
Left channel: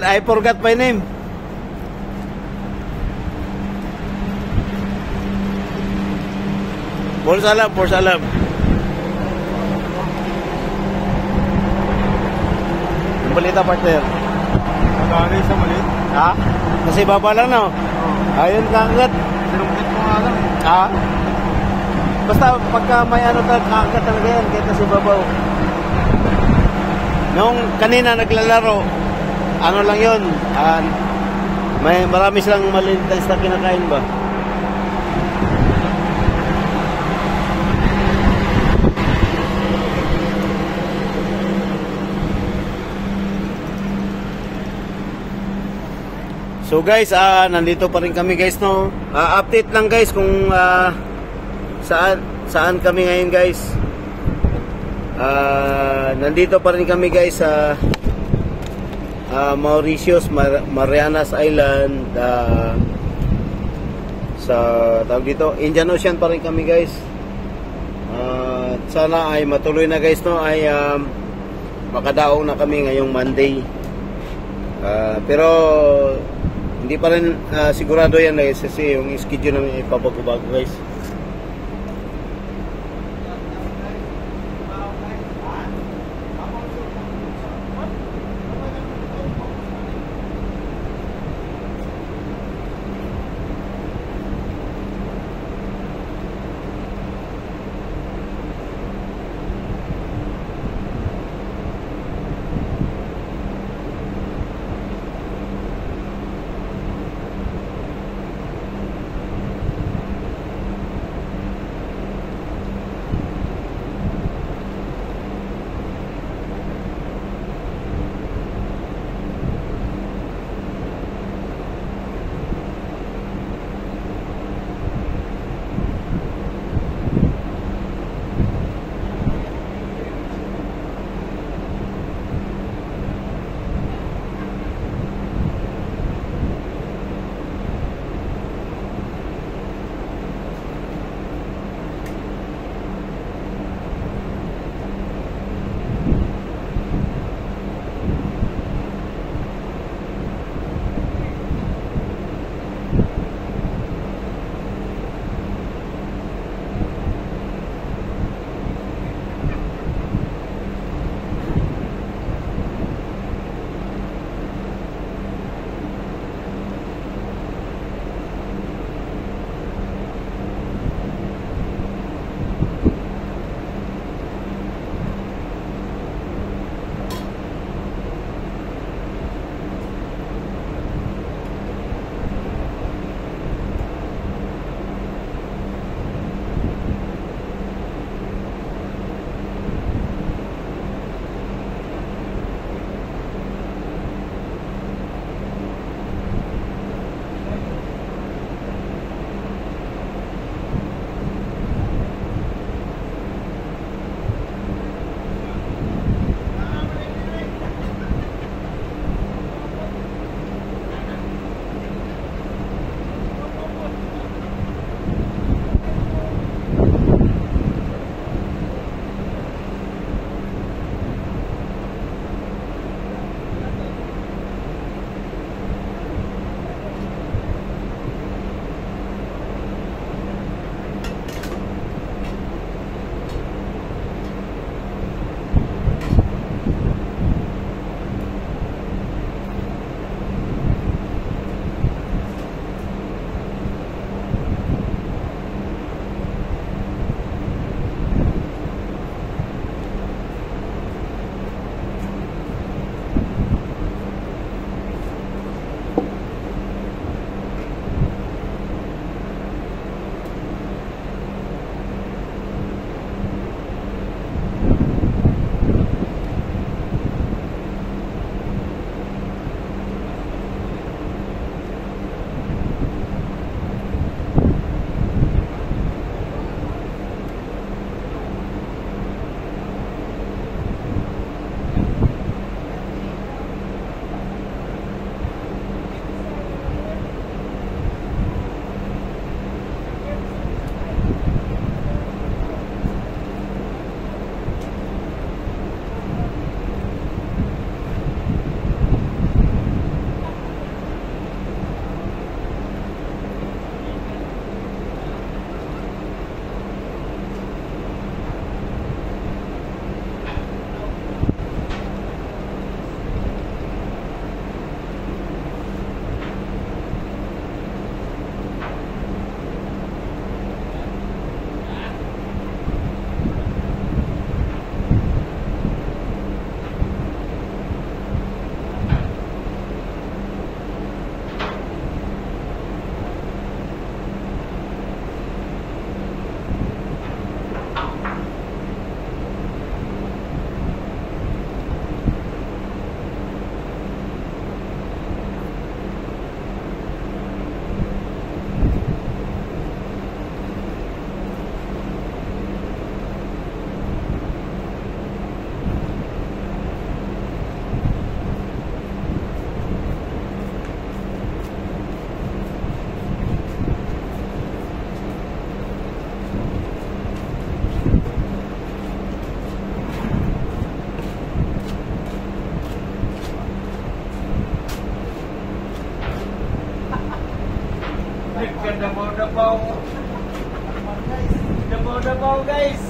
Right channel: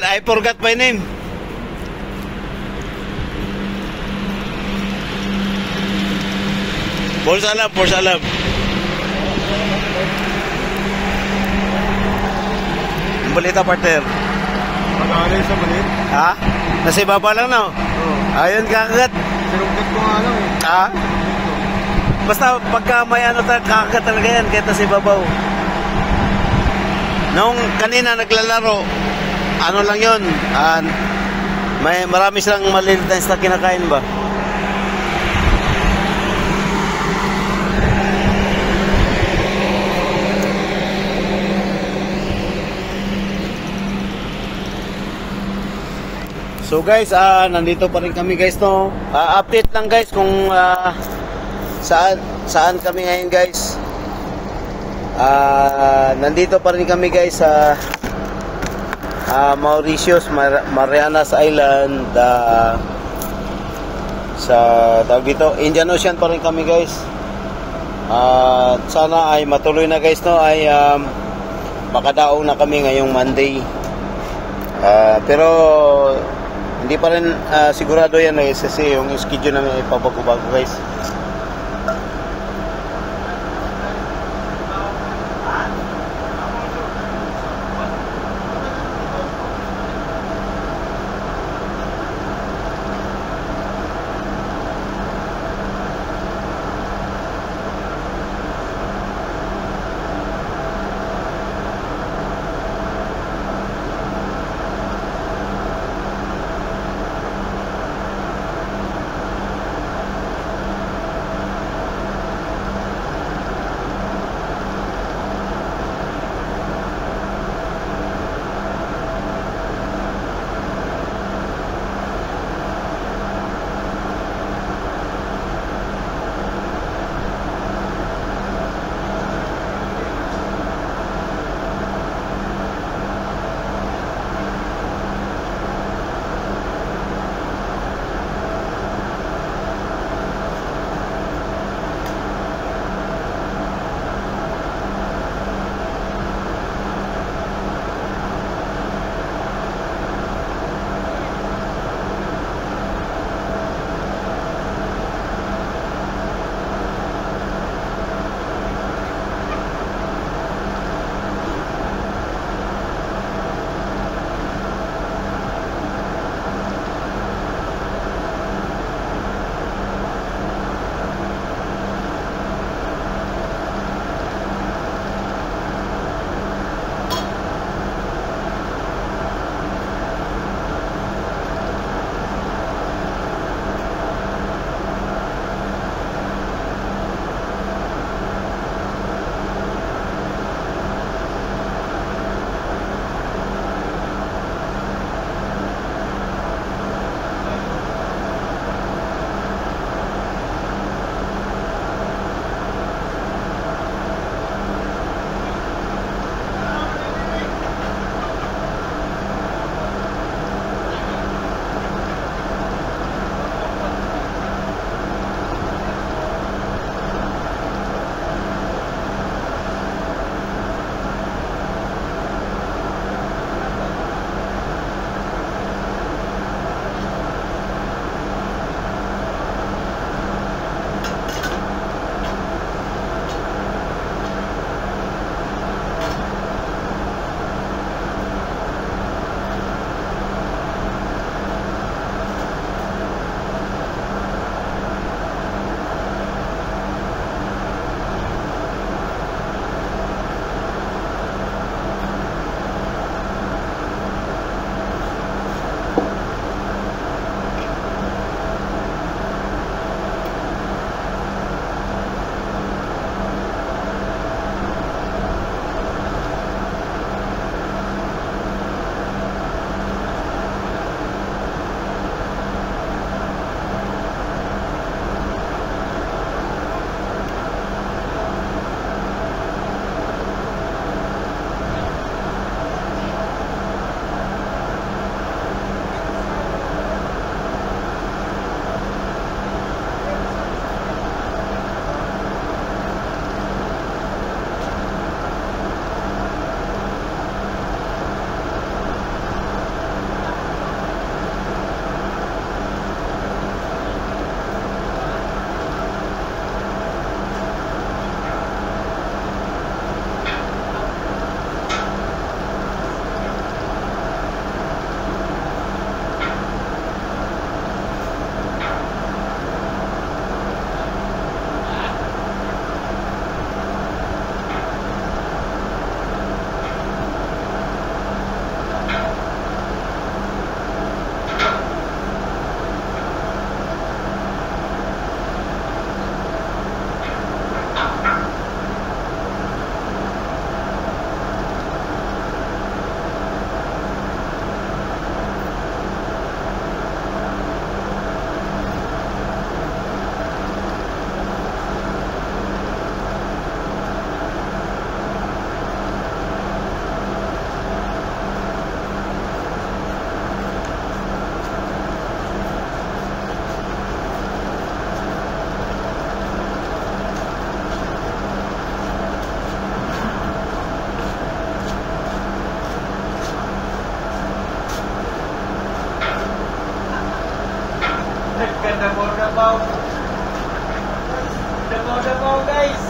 I forgot my name. Por salam. Balita partner. Ha? Nasa ibaba lang na. Ayun kakagat. Ha? Basta pagka may ano kakagat talaga yan kahit nasa ibabaw. Nung kanina naglalaro, ano lang yun, may marami silang maliit na isda kinakain ba? So guys, nandito pa rin kami guys, no. Update lang guys kung saan kami ngayon guys. Nandito pa rin kami guys sa Mauritius, Marianas Island, sa tawag dito, Indian Ocean pa rin kami guys. Sana ay matuloy na guys, no, ay makadaong na kami ngayong Monday. Pero hindi pa rin sigurado yan na SSC yung schedule namin ipabago-bago guys. Dabaw-dabaw. Dabaw-dabaw guys.